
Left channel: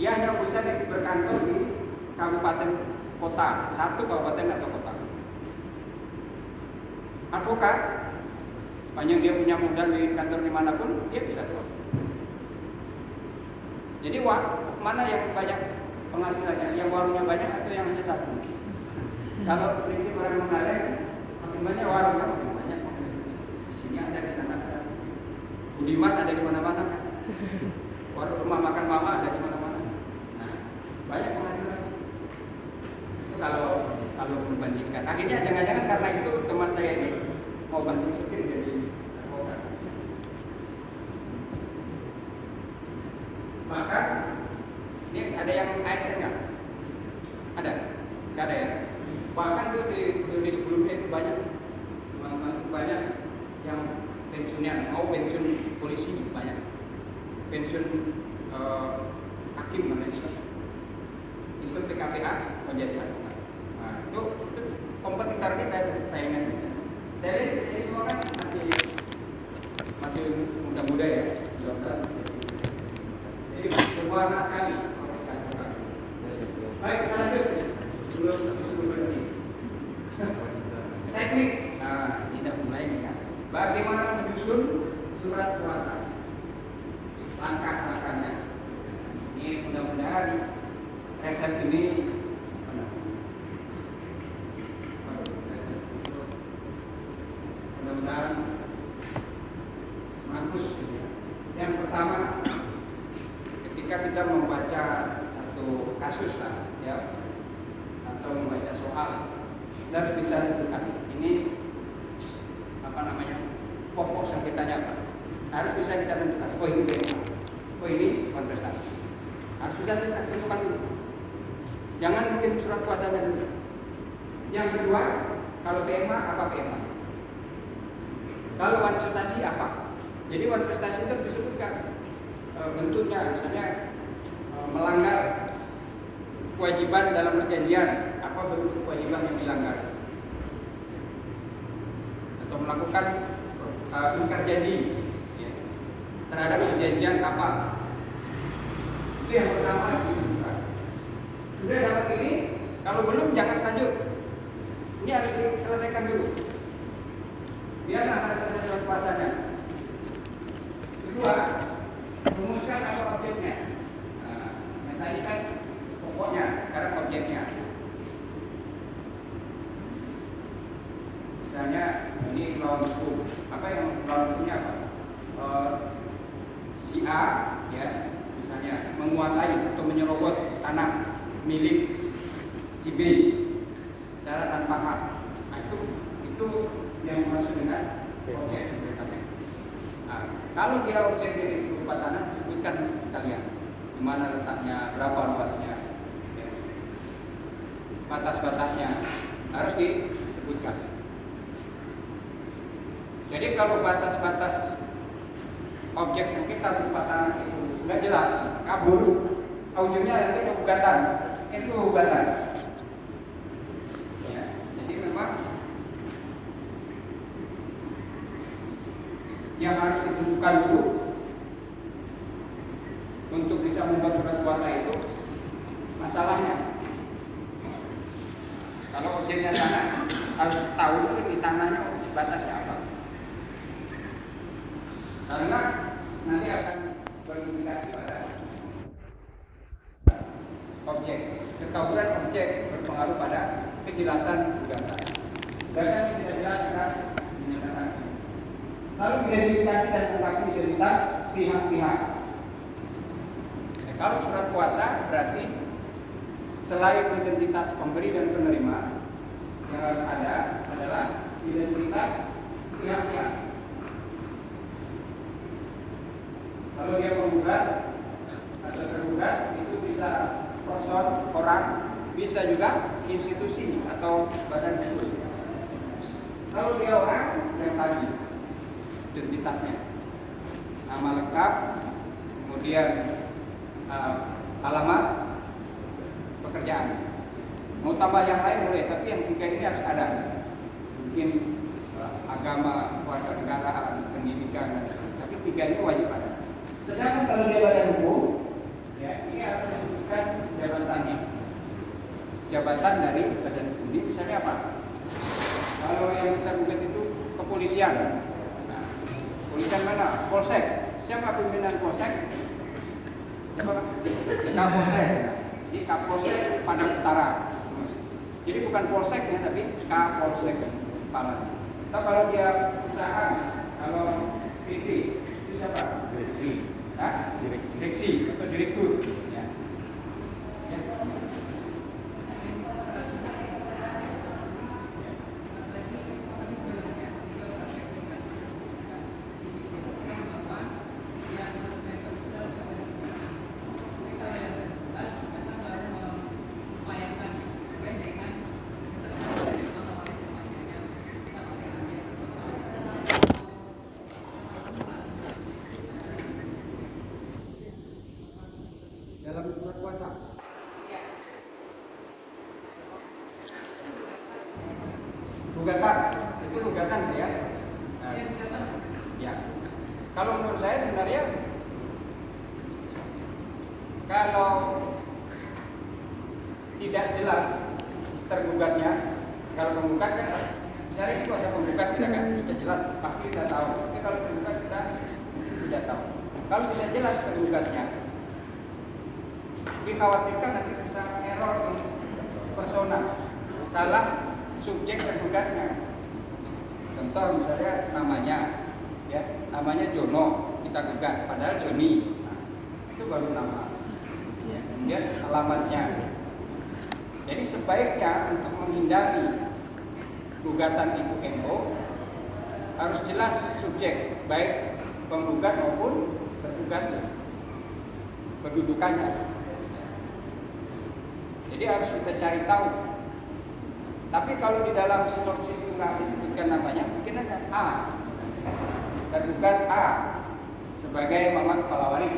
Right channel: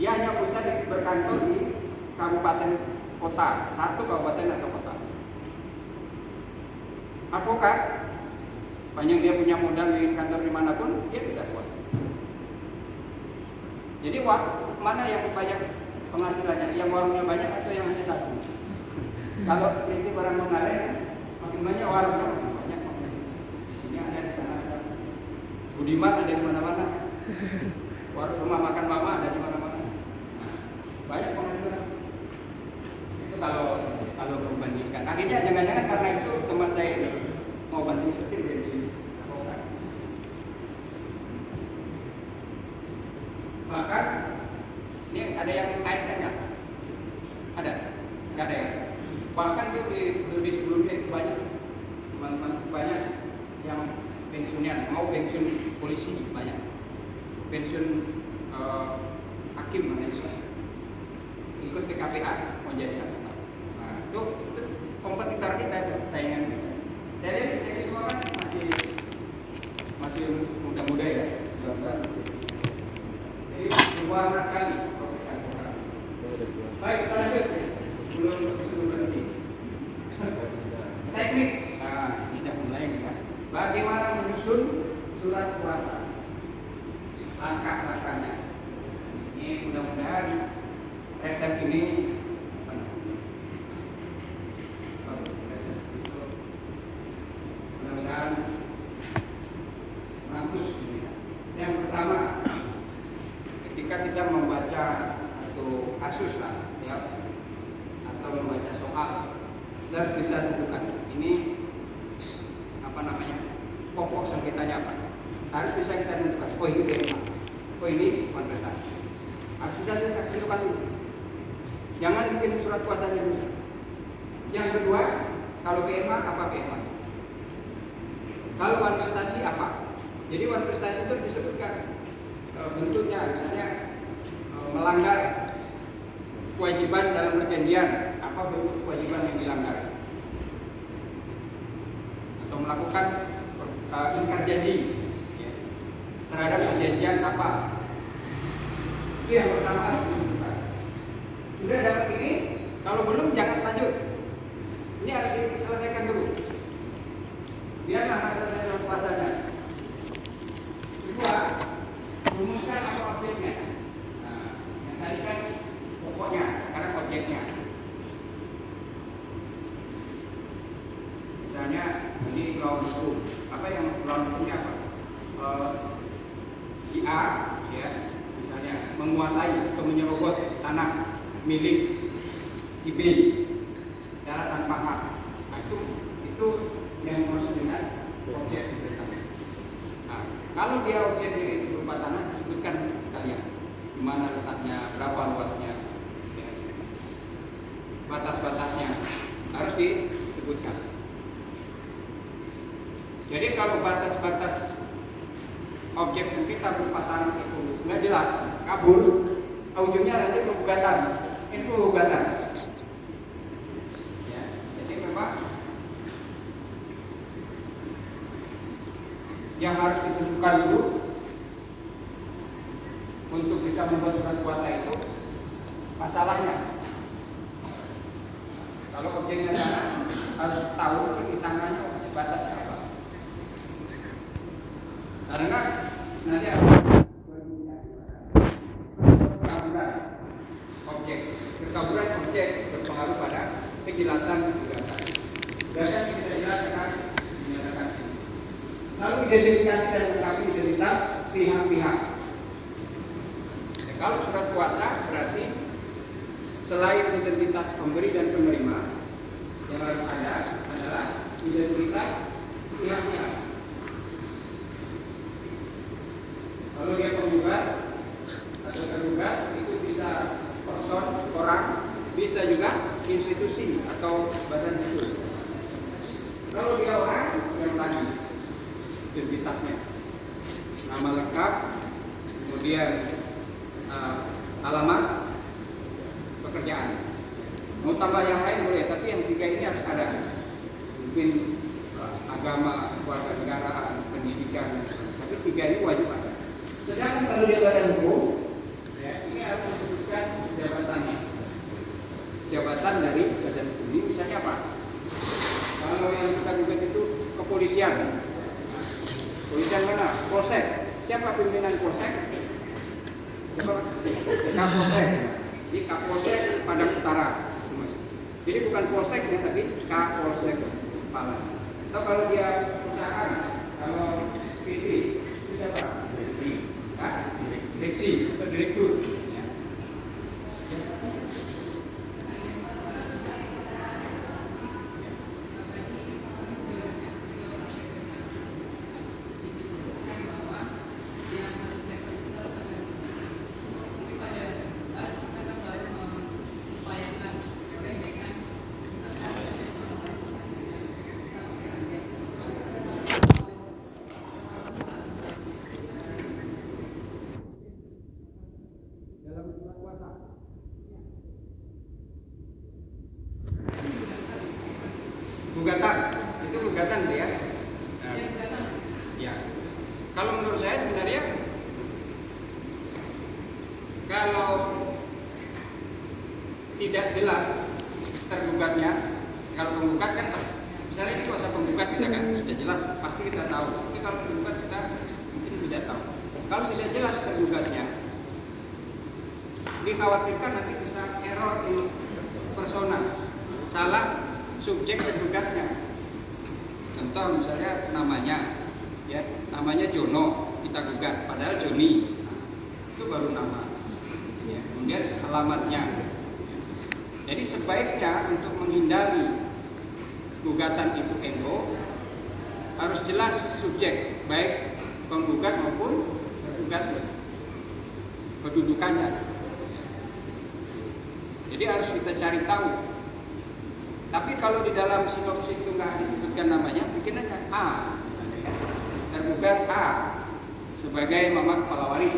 Dia hanya bisa berkantor di kabupaten kota, satu kabupaten atau kota. Advokat, panjang dia punya modal bikin kantor dimanapun, dia bisa buat. Jadi mana yang banyak penghasilannya, yang warungnya banyak atau yang hanya satu? Kalau prinsip orang mengalir, makin banyak warungnya makin banyak penghasilannya. Di sini ada, di sana ada. Budiman ada di mana-mana. Warung rumah makan mama ada di mana-mana. Nah, banyak penghasilan. Itu kalau membandingkan. Akhirnya jangan-jangan karena itu teman saya ini mau banting setir jadi advokat. Maka ini ada yang ASN nggak? Ada? Nggak ada ya? Bahkan tuh di sebelumnya itu banyak yang pensiunan, mau pensiun polisi banyak, pensiun hakim Malaysia, ikut ke KPA mau jadi advokat. Nah itu kompetitor kita, saingan kita. Saya lihat ini semua kan masih muda-muda ya, jadi berwarna sekali profesi advokat. Baik, kita lanjut ya. Belum berhenti. Teknik. Nah, kita mulai nih ya. Bagaimana menyusun surat kuasa? Langkah-langkahnya. Ini mudah-mudahan resep ini mudah-mudahan bagus. Yang pertama, ketika kita membaca satu kasus lah, ya, atau membaca soal, kita harus bisa tentukan ini apa namanya, pokok sengketanya apa. Harus bisa kita tentukan. Oh ini PMA, oh ini kontestasi. Harus bisa kita tentukan dulu. Jangan bikin surat kuasanya dulu. Yang kedua, kalau PMA apa PMA? Kalau kontestasi apa? Jadi kontestasi itu disebutkan bentuknya, misalnya melanggar kewajiban dalam perjanjian, apa bentuk kewajiban yang dilanggar, atau melakukan ingkar janji ya, terhadap perjanjian apa. Itu yang pertama ditunjukkan. Sudah dapat ini, kalau belum jangan lanjut. Ini harus diselesaikan dulu. Biarlah selesai surat kuasanya. Kedua, rumuskan apa objeknya. Nah, yang tadi kan pokoknya, sekarang objeknya. Misalnya ini melawan hukum. Apa yang melawan hukumnya apa? Si A, ya, misalnya menguasai atau menyerobot tanah milik si B secara tanpa hak. Nah, itu yang dimaksud dengan objek sebenarnya. Nah, kalau dia objeknya itu berupa tanah, disebutkan sekalian di mana letaknya, berapa luasnya, ya, batas-batasnya harus disebutkan. Jadi kalau batas-batas objek sengketa berupa tanah itu nggak jelas, kabur, ujungnya nanti pengugatan, itu gugatan. Ya, jadi memang yang harus ditentukan dulu untuk bisa membuat surat kuasa itu masalahnya. Kalau objeknya tanah, harus tahu di tanahnya batasnya apa. Karena nanti akan berimplikasi pada kekaburan objek. Kekaburan objek berpengaruh pada kejelasan gugatan. Gugatan tidak jelas akan menyatakan. Lalu identifikasi dan melengkapi identitas pihak-pihak. Kalau surat kuasa berarti selain identitas pemberi dan penerima, yang harus ada adalah identitas pihak-pihak. Kalau dia penggugat atau tergugat, itu bisa person, orang, bisa juga institusi atau badan usul. Kalau dia orang, yang tadi identitasnya, nama lengkap, kemudian alamat, pekerjaan. Mau tambah yang lain boleh, tapi yang tiga ini harus ada. Mungkin agama, kewarganegaraan, pendidikan, tapi 3 ini wajib ada. Sedangkan kalau dia badan hukum, ya, ini harus disebutkan jabatannya. Jabatan dari badan hukum ini misalnya apa? Kalau yang kita gugat itu kepolisian. Nah, kepolisian mana? Polsek. Siapa pimpinan polsek? Siapa? Kapolsek. Jadi Kapolsek Padang Utara. Jadi bukan polseknya tapi Kapolsek kepala. Atau kalau dia perusahaan, kalau PP itu siapa? Direksi. Hah? Direksi atau direktur. Ya. Dalam surat kuasa. Gugatan, itu gugatan ya. Ya. Kalau menurut saya sebenarnya kalau tidak jelas tergugatnya, kalau penggugat kan misalnya ini kuasa penggugat kita kan sudah jelas pasti kita tahu. Tapi kalau penggugat kita mungkin tidak tahu. Kalau tidak jelas tergugatnya, dikhawatirkan nanti bisa error ini persona, salah subjek tergugatnya. Contoh misalnya namanya, ya namanya Jono kita gugat, padahal Joni. Nah, itu baru nama. Ya, kemudian alamatnya. Jadi sebaiknya untuk menghindari gugatan ibu NO harus jelas subjek, baik penggugat maupun tergugat, kedudukannya. Jadi harus kita cari tahu. Tapi kalau di dalam sinopsis itu nggak disebutkan namanya, bikin aja A, misalnya, tergugat A sebagai mama kepala waris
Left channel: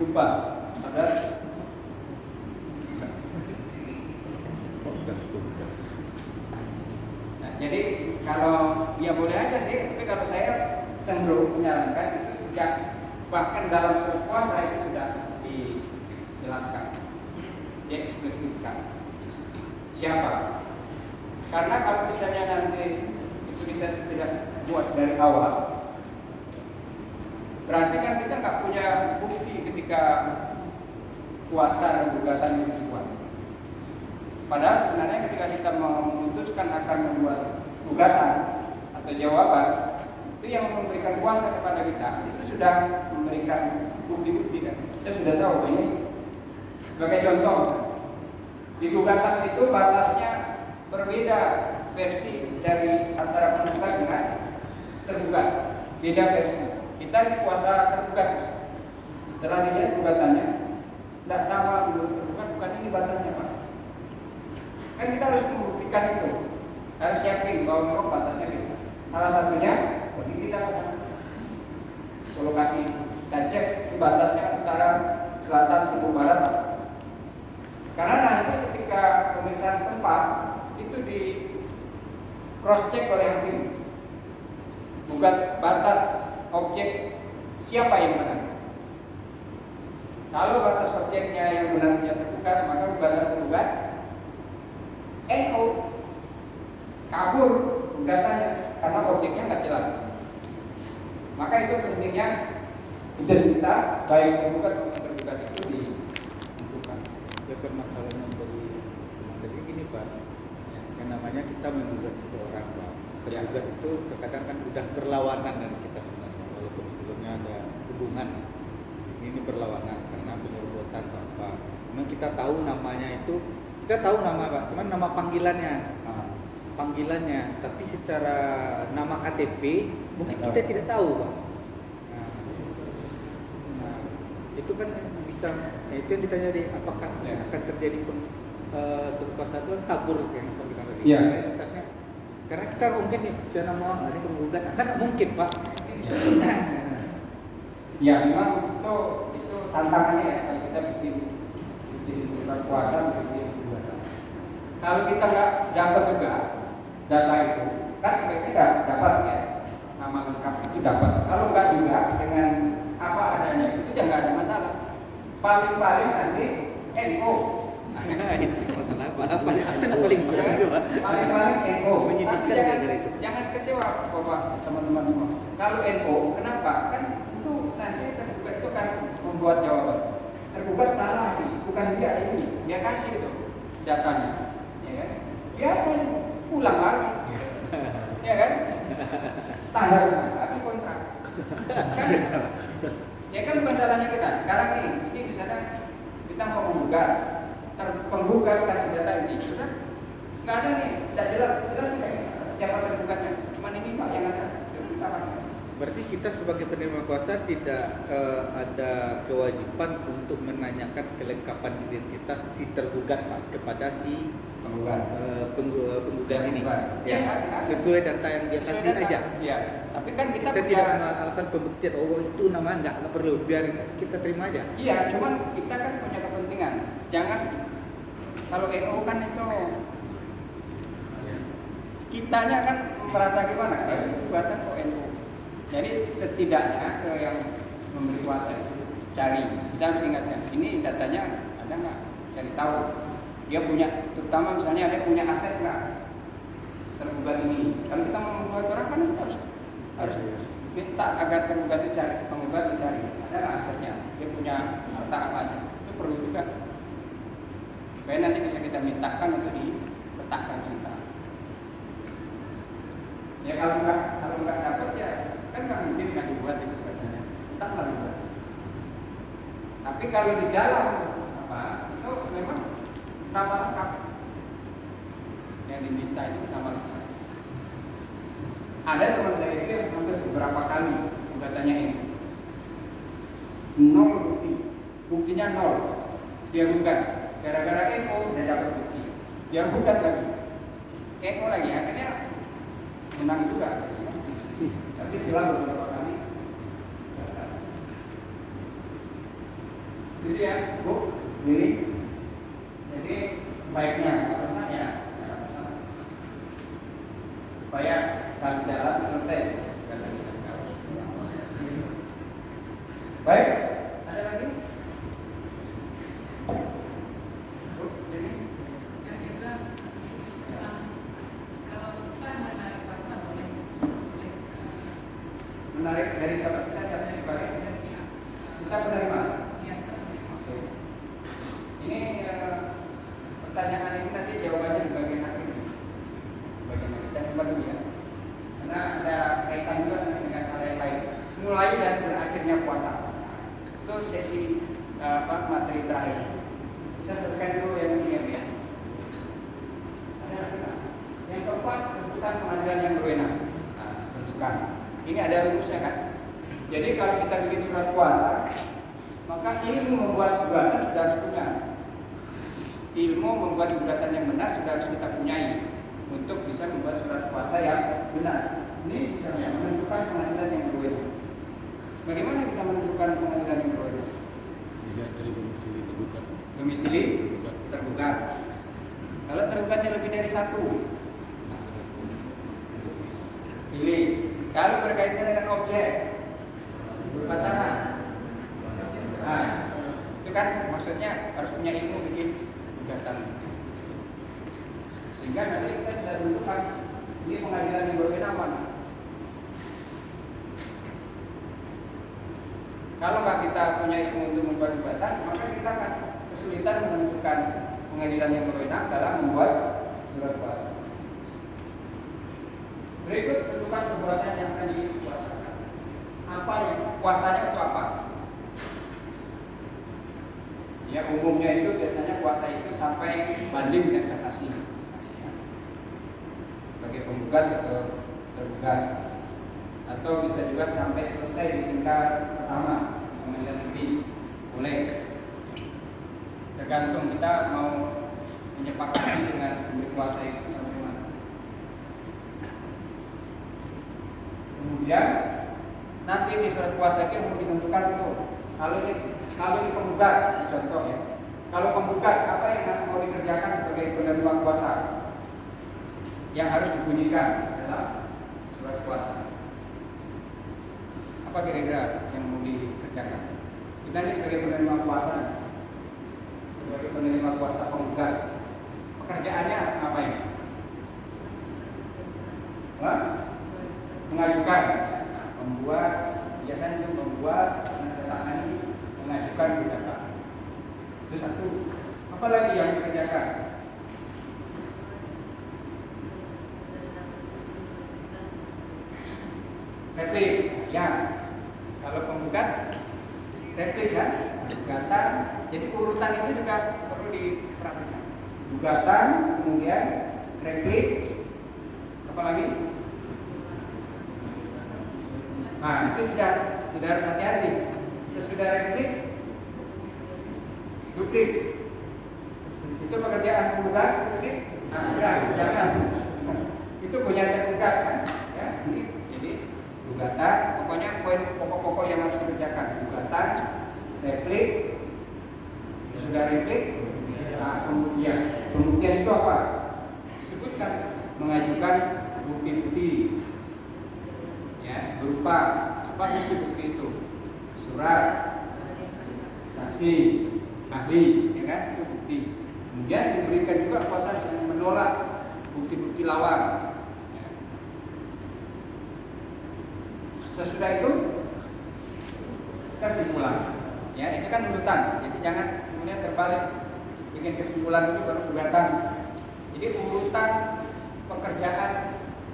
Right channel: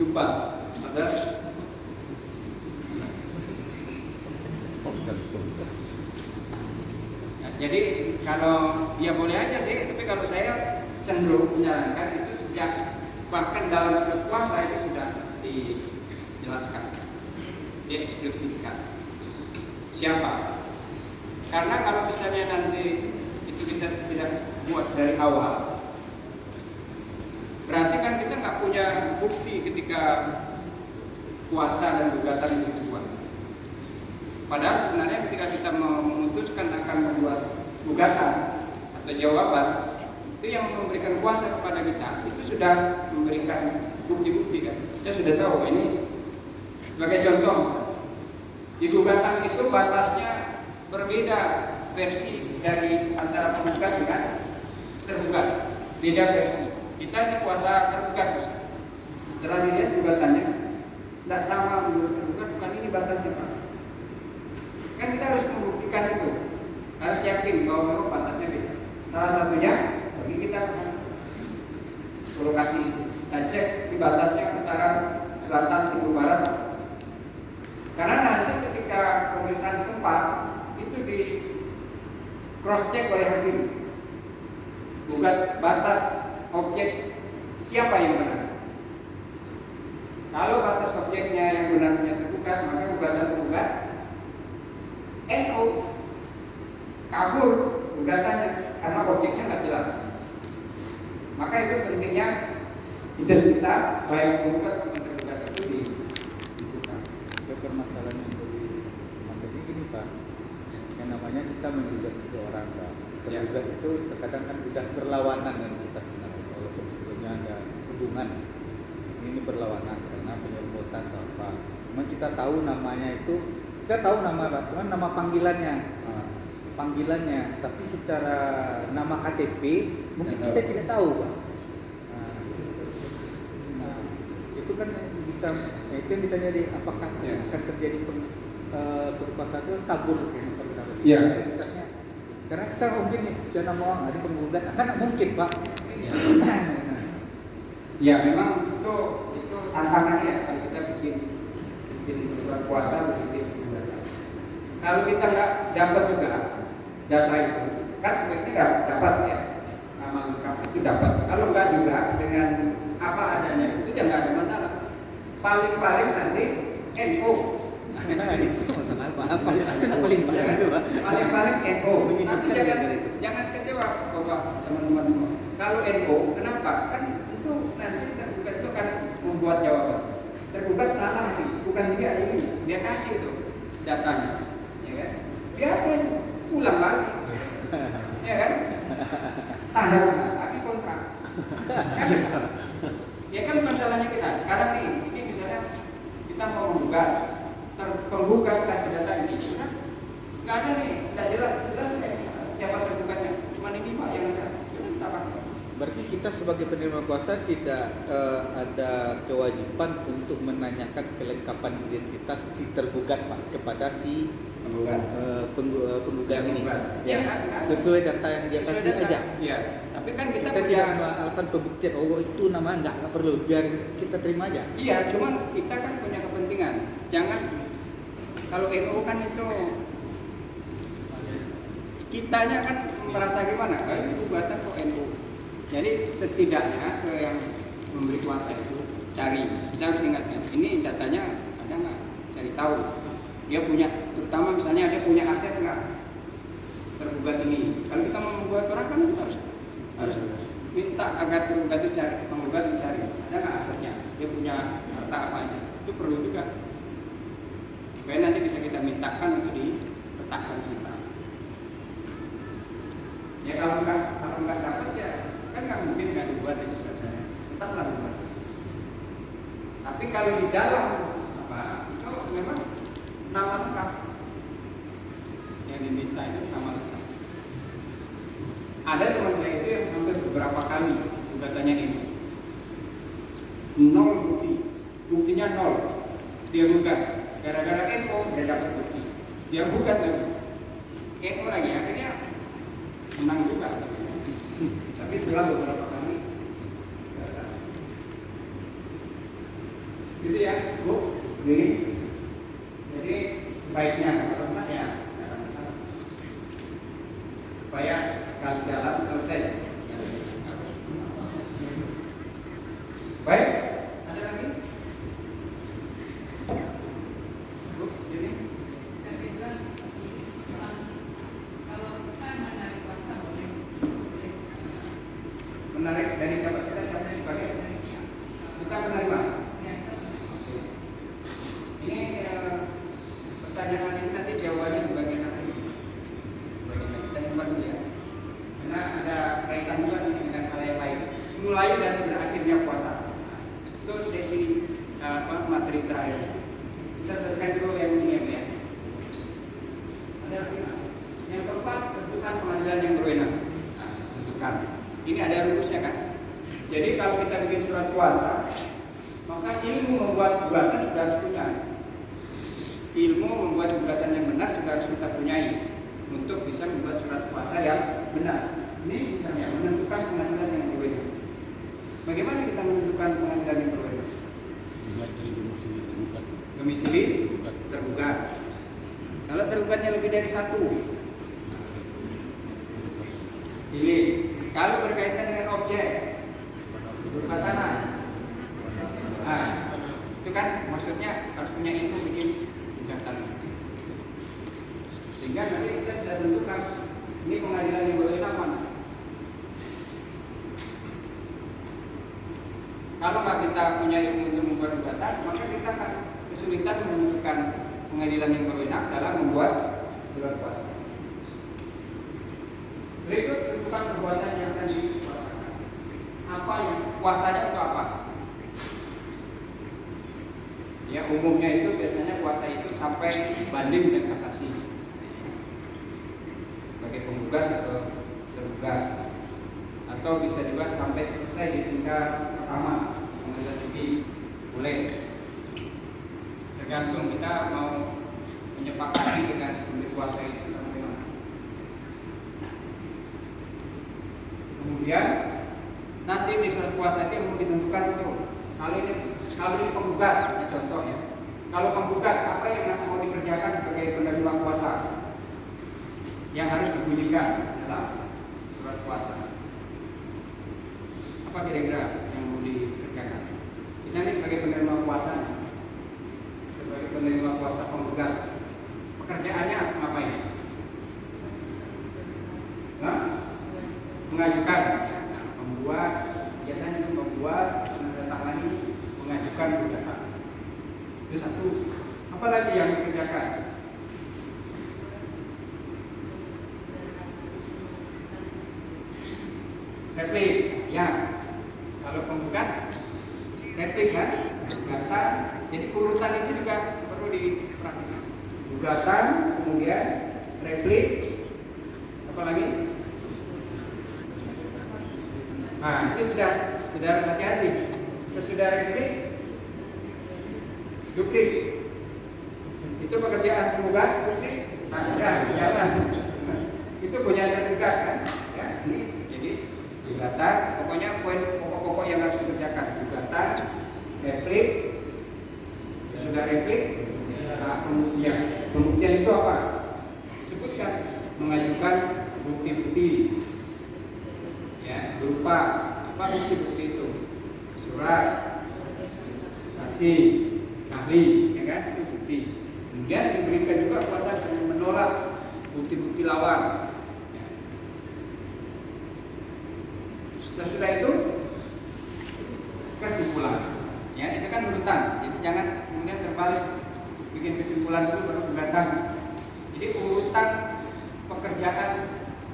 gempa. Ada ya, jadi kalau ya boleh aja sih, tapi kalau saya cenderung menyarankan itu sejak bahkan dalam surat kuasa itu sudah dijelaskan, dia eksplisitkan siapa. Karena kalau misalnya nanti itu kita tidak buat dari awal, berarti kan kita nggak punya bukti ketika kuasa dan gugatan itu dibuat. Padahal sebenarnya ketika kita memutuskan akan membuat gugatan atau jawaban, itu yang memberikan kuasa kepada kita itu sudah memberikan bukti-bukti kan. Kita sudah tahu ini. Sebagai contoh, di gugatan itu batasnya berbeda versi dari antara penggugat dengan tergugat, beda versi. Kita ini kuasa tergugat, setelah dilihat gugatannya tidak sama menurut tergugat, bukan ini batasnya Pak. Kan kita harus membuktikan itu, harus yakin bahwa memang batasnya beda. Salah satunya bagi kita lokasi kita cek di batasnya antara selatan timur barat. Karena nanti ketika pemeriksaan setempat itu di cross check oleh hakim, gugat batas objek siapa yang benar. Kalau batas objeknya yang benarnya tergugat, maka gugatan penggugat NO kabur gugatannya karena objeknya nggak jelas. Maka itu pentingnya identitas baik penggugat maupun tergugat itu dibutuhkan. Ya permasalahannya dari gini Pak, yang namanya kita menggugat seseorang Pak. Tergugat itu terkadang kan udah berlawanan dengan kita sebenarnya, walaupun sebelumnya ada hubungan. Ini berlawanan karena penyebutan atau apa. Cuma kita tahu namanya itu, kita tahu nama Pak, cuma nama panggilannya. Panggilannya, tapi secara nama KTP mungkin kita tidak tahu Pak. Nah, itu kan bisa, ya itu yang ditanya di apakah akan terjadi surat itu kabur dengan perkara ini. Iya. Karena kita mungkin nih, saya nama hari penggugat, kan mungkin Pak. Ya memang itu tantangannya ya, kalau kita bikin surat kuasa bikin gugatan. Kalau kita nggak dapat juga data itu, kan sebaiknya dapat ya, nama lengkap itu dapat. Kalau nggak juga dengan apa adanya itu ya nggak ada masalah. Paling-paling nanti NO. Paling NO. Tapi jangan kecewa bapak teman-teman semua. Kalau NO, kenapa? Kan itu nanti tergugat itu kan membuat jawaban. Tergugat salah nih, bukan dia ini. Dia kasih itu datanya, ya kan? Biasanya ulang lagi, ya kan? Tanda lagi kontrak. Kan? Ya kan masalahnya kita sekarang ini misalnya kita mau menggugat, penggugat kasih data ini, sudah nggak ada nih, tidak jelas siapa tergugatnya, cuma ini pak yang ada, jadi kita pakai. Berarti kita sebagai penerima kuasa tidak ada kewajiban untuk menanyakan kelengkapan identitas si tergugat Pak kepada si penggugat ini. Ya, sesuai data yang dia kasih aja. Ya, tapi kan kita tidak alasan pembuktian itu namanya nggak perlu, biar kita terima aja. Iya, cuman kita kan punya kepentingan. Jangan kalau NU kan itu kitanya kan merasa gimana? Buatan kok NU. Jadi setidaknya yang memberi kuasa itu cari dan ingatnya ini datanya ada nggak, cari tahu dia punya, terutama misalnya dia punya aset nggak tergugat ini. Kalau kita mau membuat orang kan kita harus minta agar tergugat itu cari, penggugat mencari ada nggak asetnya, dia punya harta apa aja, itu perlu juga supaya nanti bisa kita mintakan untuk diletakkan sita. Ya kalau nggak dapat ya kan nggak mungkin nggak dibuat itu katanya, entahlah dibuat. Tapi kalau di dalam apa, itu memang nama lengkap yang diminta itu nama lengkap. Ada teman saya itu yang hampir beberapa kali gugatannya ini, 0 bukti, buktinya 0, dia gugat, gara-gara NO dia dapat bukti, dia gugat lagi, NO lagi, akhirnya menang juga. Tapi setelah beberapa kali gagal. Gitu ya, Bu, ini. Jadi sebaiknya karena ya jangan salah. Supaya sekali jalan selesai. Baik, ada lagi? Bu, jadi menarik dari siapa kita sebagai kita penerima. Ini pertanyaan ini nanti jawabannya di bagian akhir. Kita simpan dulu ya, karena ada kaitan juga dengan hal yang lain. Mulai dan berakhirnya puasa itu sesi materi terakhir. Kita selesaikan dulu yang ini ya. Ada yang keempat, tentukan pengadilan yang berwenang. Tentukan. Ini ada rumusnya kan. Jadi kalau kita bikin surat kuasa, maka ilmu membuat gugatan sudah harus punya. Ilmu membuat gugatan yang benar sudah harus kita punyai untuk bisa membuat surat kuasa yang benar. Ini misalnya menentukan pengadilan yang berwenang. Bagaimana kita menentukan pengadilan yang berwenang? Dilihat dari Domisili tergugat. Kalau tergugatnya lebih dari satu, pilih. Kalau berkaitan dengan objek berupa tanah, nah, itu kan maksudnya harus punya ilmu bikin gugatan, sehingga nanti kita bisa tentukan ini pengadilan yang berwenang mana. Kalau nggak kita punya ilmu untuk membuat gugatan, maka kita akan kesulitan menentukan pengadilan yang berwenang dalam membuat surat kuasa. Berikut tentukan perbuatan yang akan dikuasakan. Apa yang kuasanya itu apa? Ya umumnya itu biasanya kuasa itu sampai banding dan kasasi. Sebagai penggugat atau tergugat. Atau bisa juga sampai selesai di tingkat pertama, pengadilan tinggi, boleh. Tergantung kita mau menyepakati dengan pemilik kuasa itu sampai mana. Kemudian nanti di surat kuasa itu yang mau ditentukan itu kalau ini penggugat, ini contoh ya. Kalau penggugat, apa yang mau dikerjakan sebagai penerima kuasa yang harus dibunyikan dalam surat kuasa? Apa kira-kira yang mau dikerjakan? Kita ini sebagai penerima kuasa, sebagai penerima kuasa penggugat, pekerjaannya ngapain? Hah? Mengajukan, ya. Nah, membuat, biasanya itu membuat, menandatangani, mengajukan gugatan. Itu satu. Apa lagi yang dikerjakan? Replik, ya. Kalau penggugat, replik kan, gugatan. Jadi urutan itu juga perlu diperhatikan. Gugatan, kemudian replik, apa lagi? Nah, itu sudah harus hati-hati. Sesudah replik, duplik. Itu pekerjaan penggugat, duplik. Nah, jangan. Itu punya tergugat kan? Ya. Jadi gugatan, pokoknya poin pokok-pokok yang harus dikerjakan. Gugatan, replik, sesudah replik, nah, pembuktian itu apa? Disebutkan mengajukan bukti-bukti, ya, berupa apa bukti-bukti itu? Surat, saksi, ahli, ya kan? Itu bukti. Kemudian diberikan juga kuasa bisa menolak bukti-bukti lawan. Ya. Sesudah itu kesimpulan. Ya, itu kan urutan. Jadi jangan kemudian terbalik bikin kesimpulan dulu baru gugatan. Jadi urutan pekerjaan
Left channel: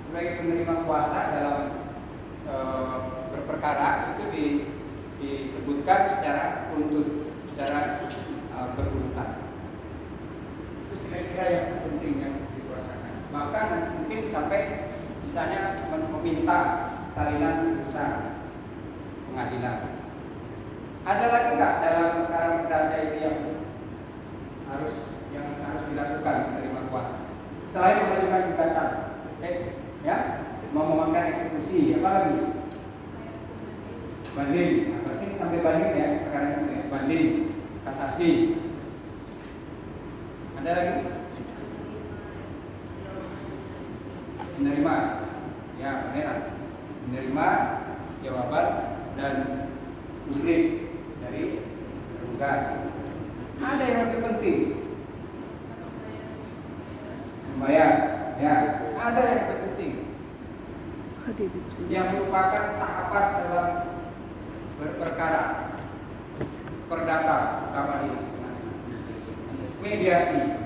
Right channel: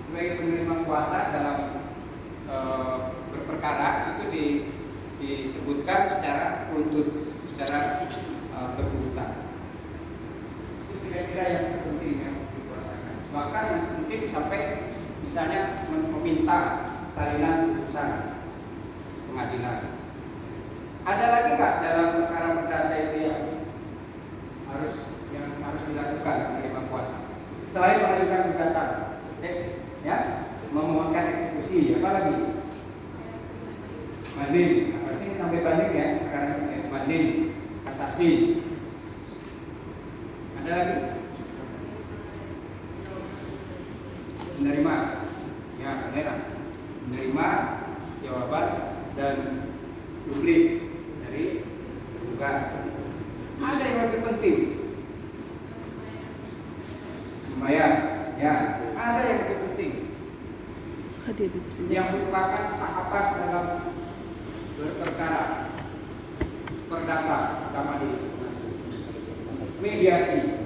sebagai penerima kuasa dalam berperkara itu disebutkan secara urut, secara berurutan. Itu kira-kira yang penting yang dikuasakan. Bahkan mungkin sampai misalnya meminta salinan putusan pengadilan. Ada lagi nggak dalam perkara perdata itu yang harus dilakukan penerima kuasa selain mengajukan gugatan, ya, memohonkan eksekusi, apa lagi? Banding. Nah, berarti ini sampai banding ya, perkara ini ya. Banding, kasasi. Ada lagi? Menerima, ya benar. Menerima jawaban dan duplik dari tergugat. Ada yang lebih penting. Lumayan, ya. Ada yang lebih penting. Yang merupakan tahapan dalam berperkara perdata, pertama dulu mediasi.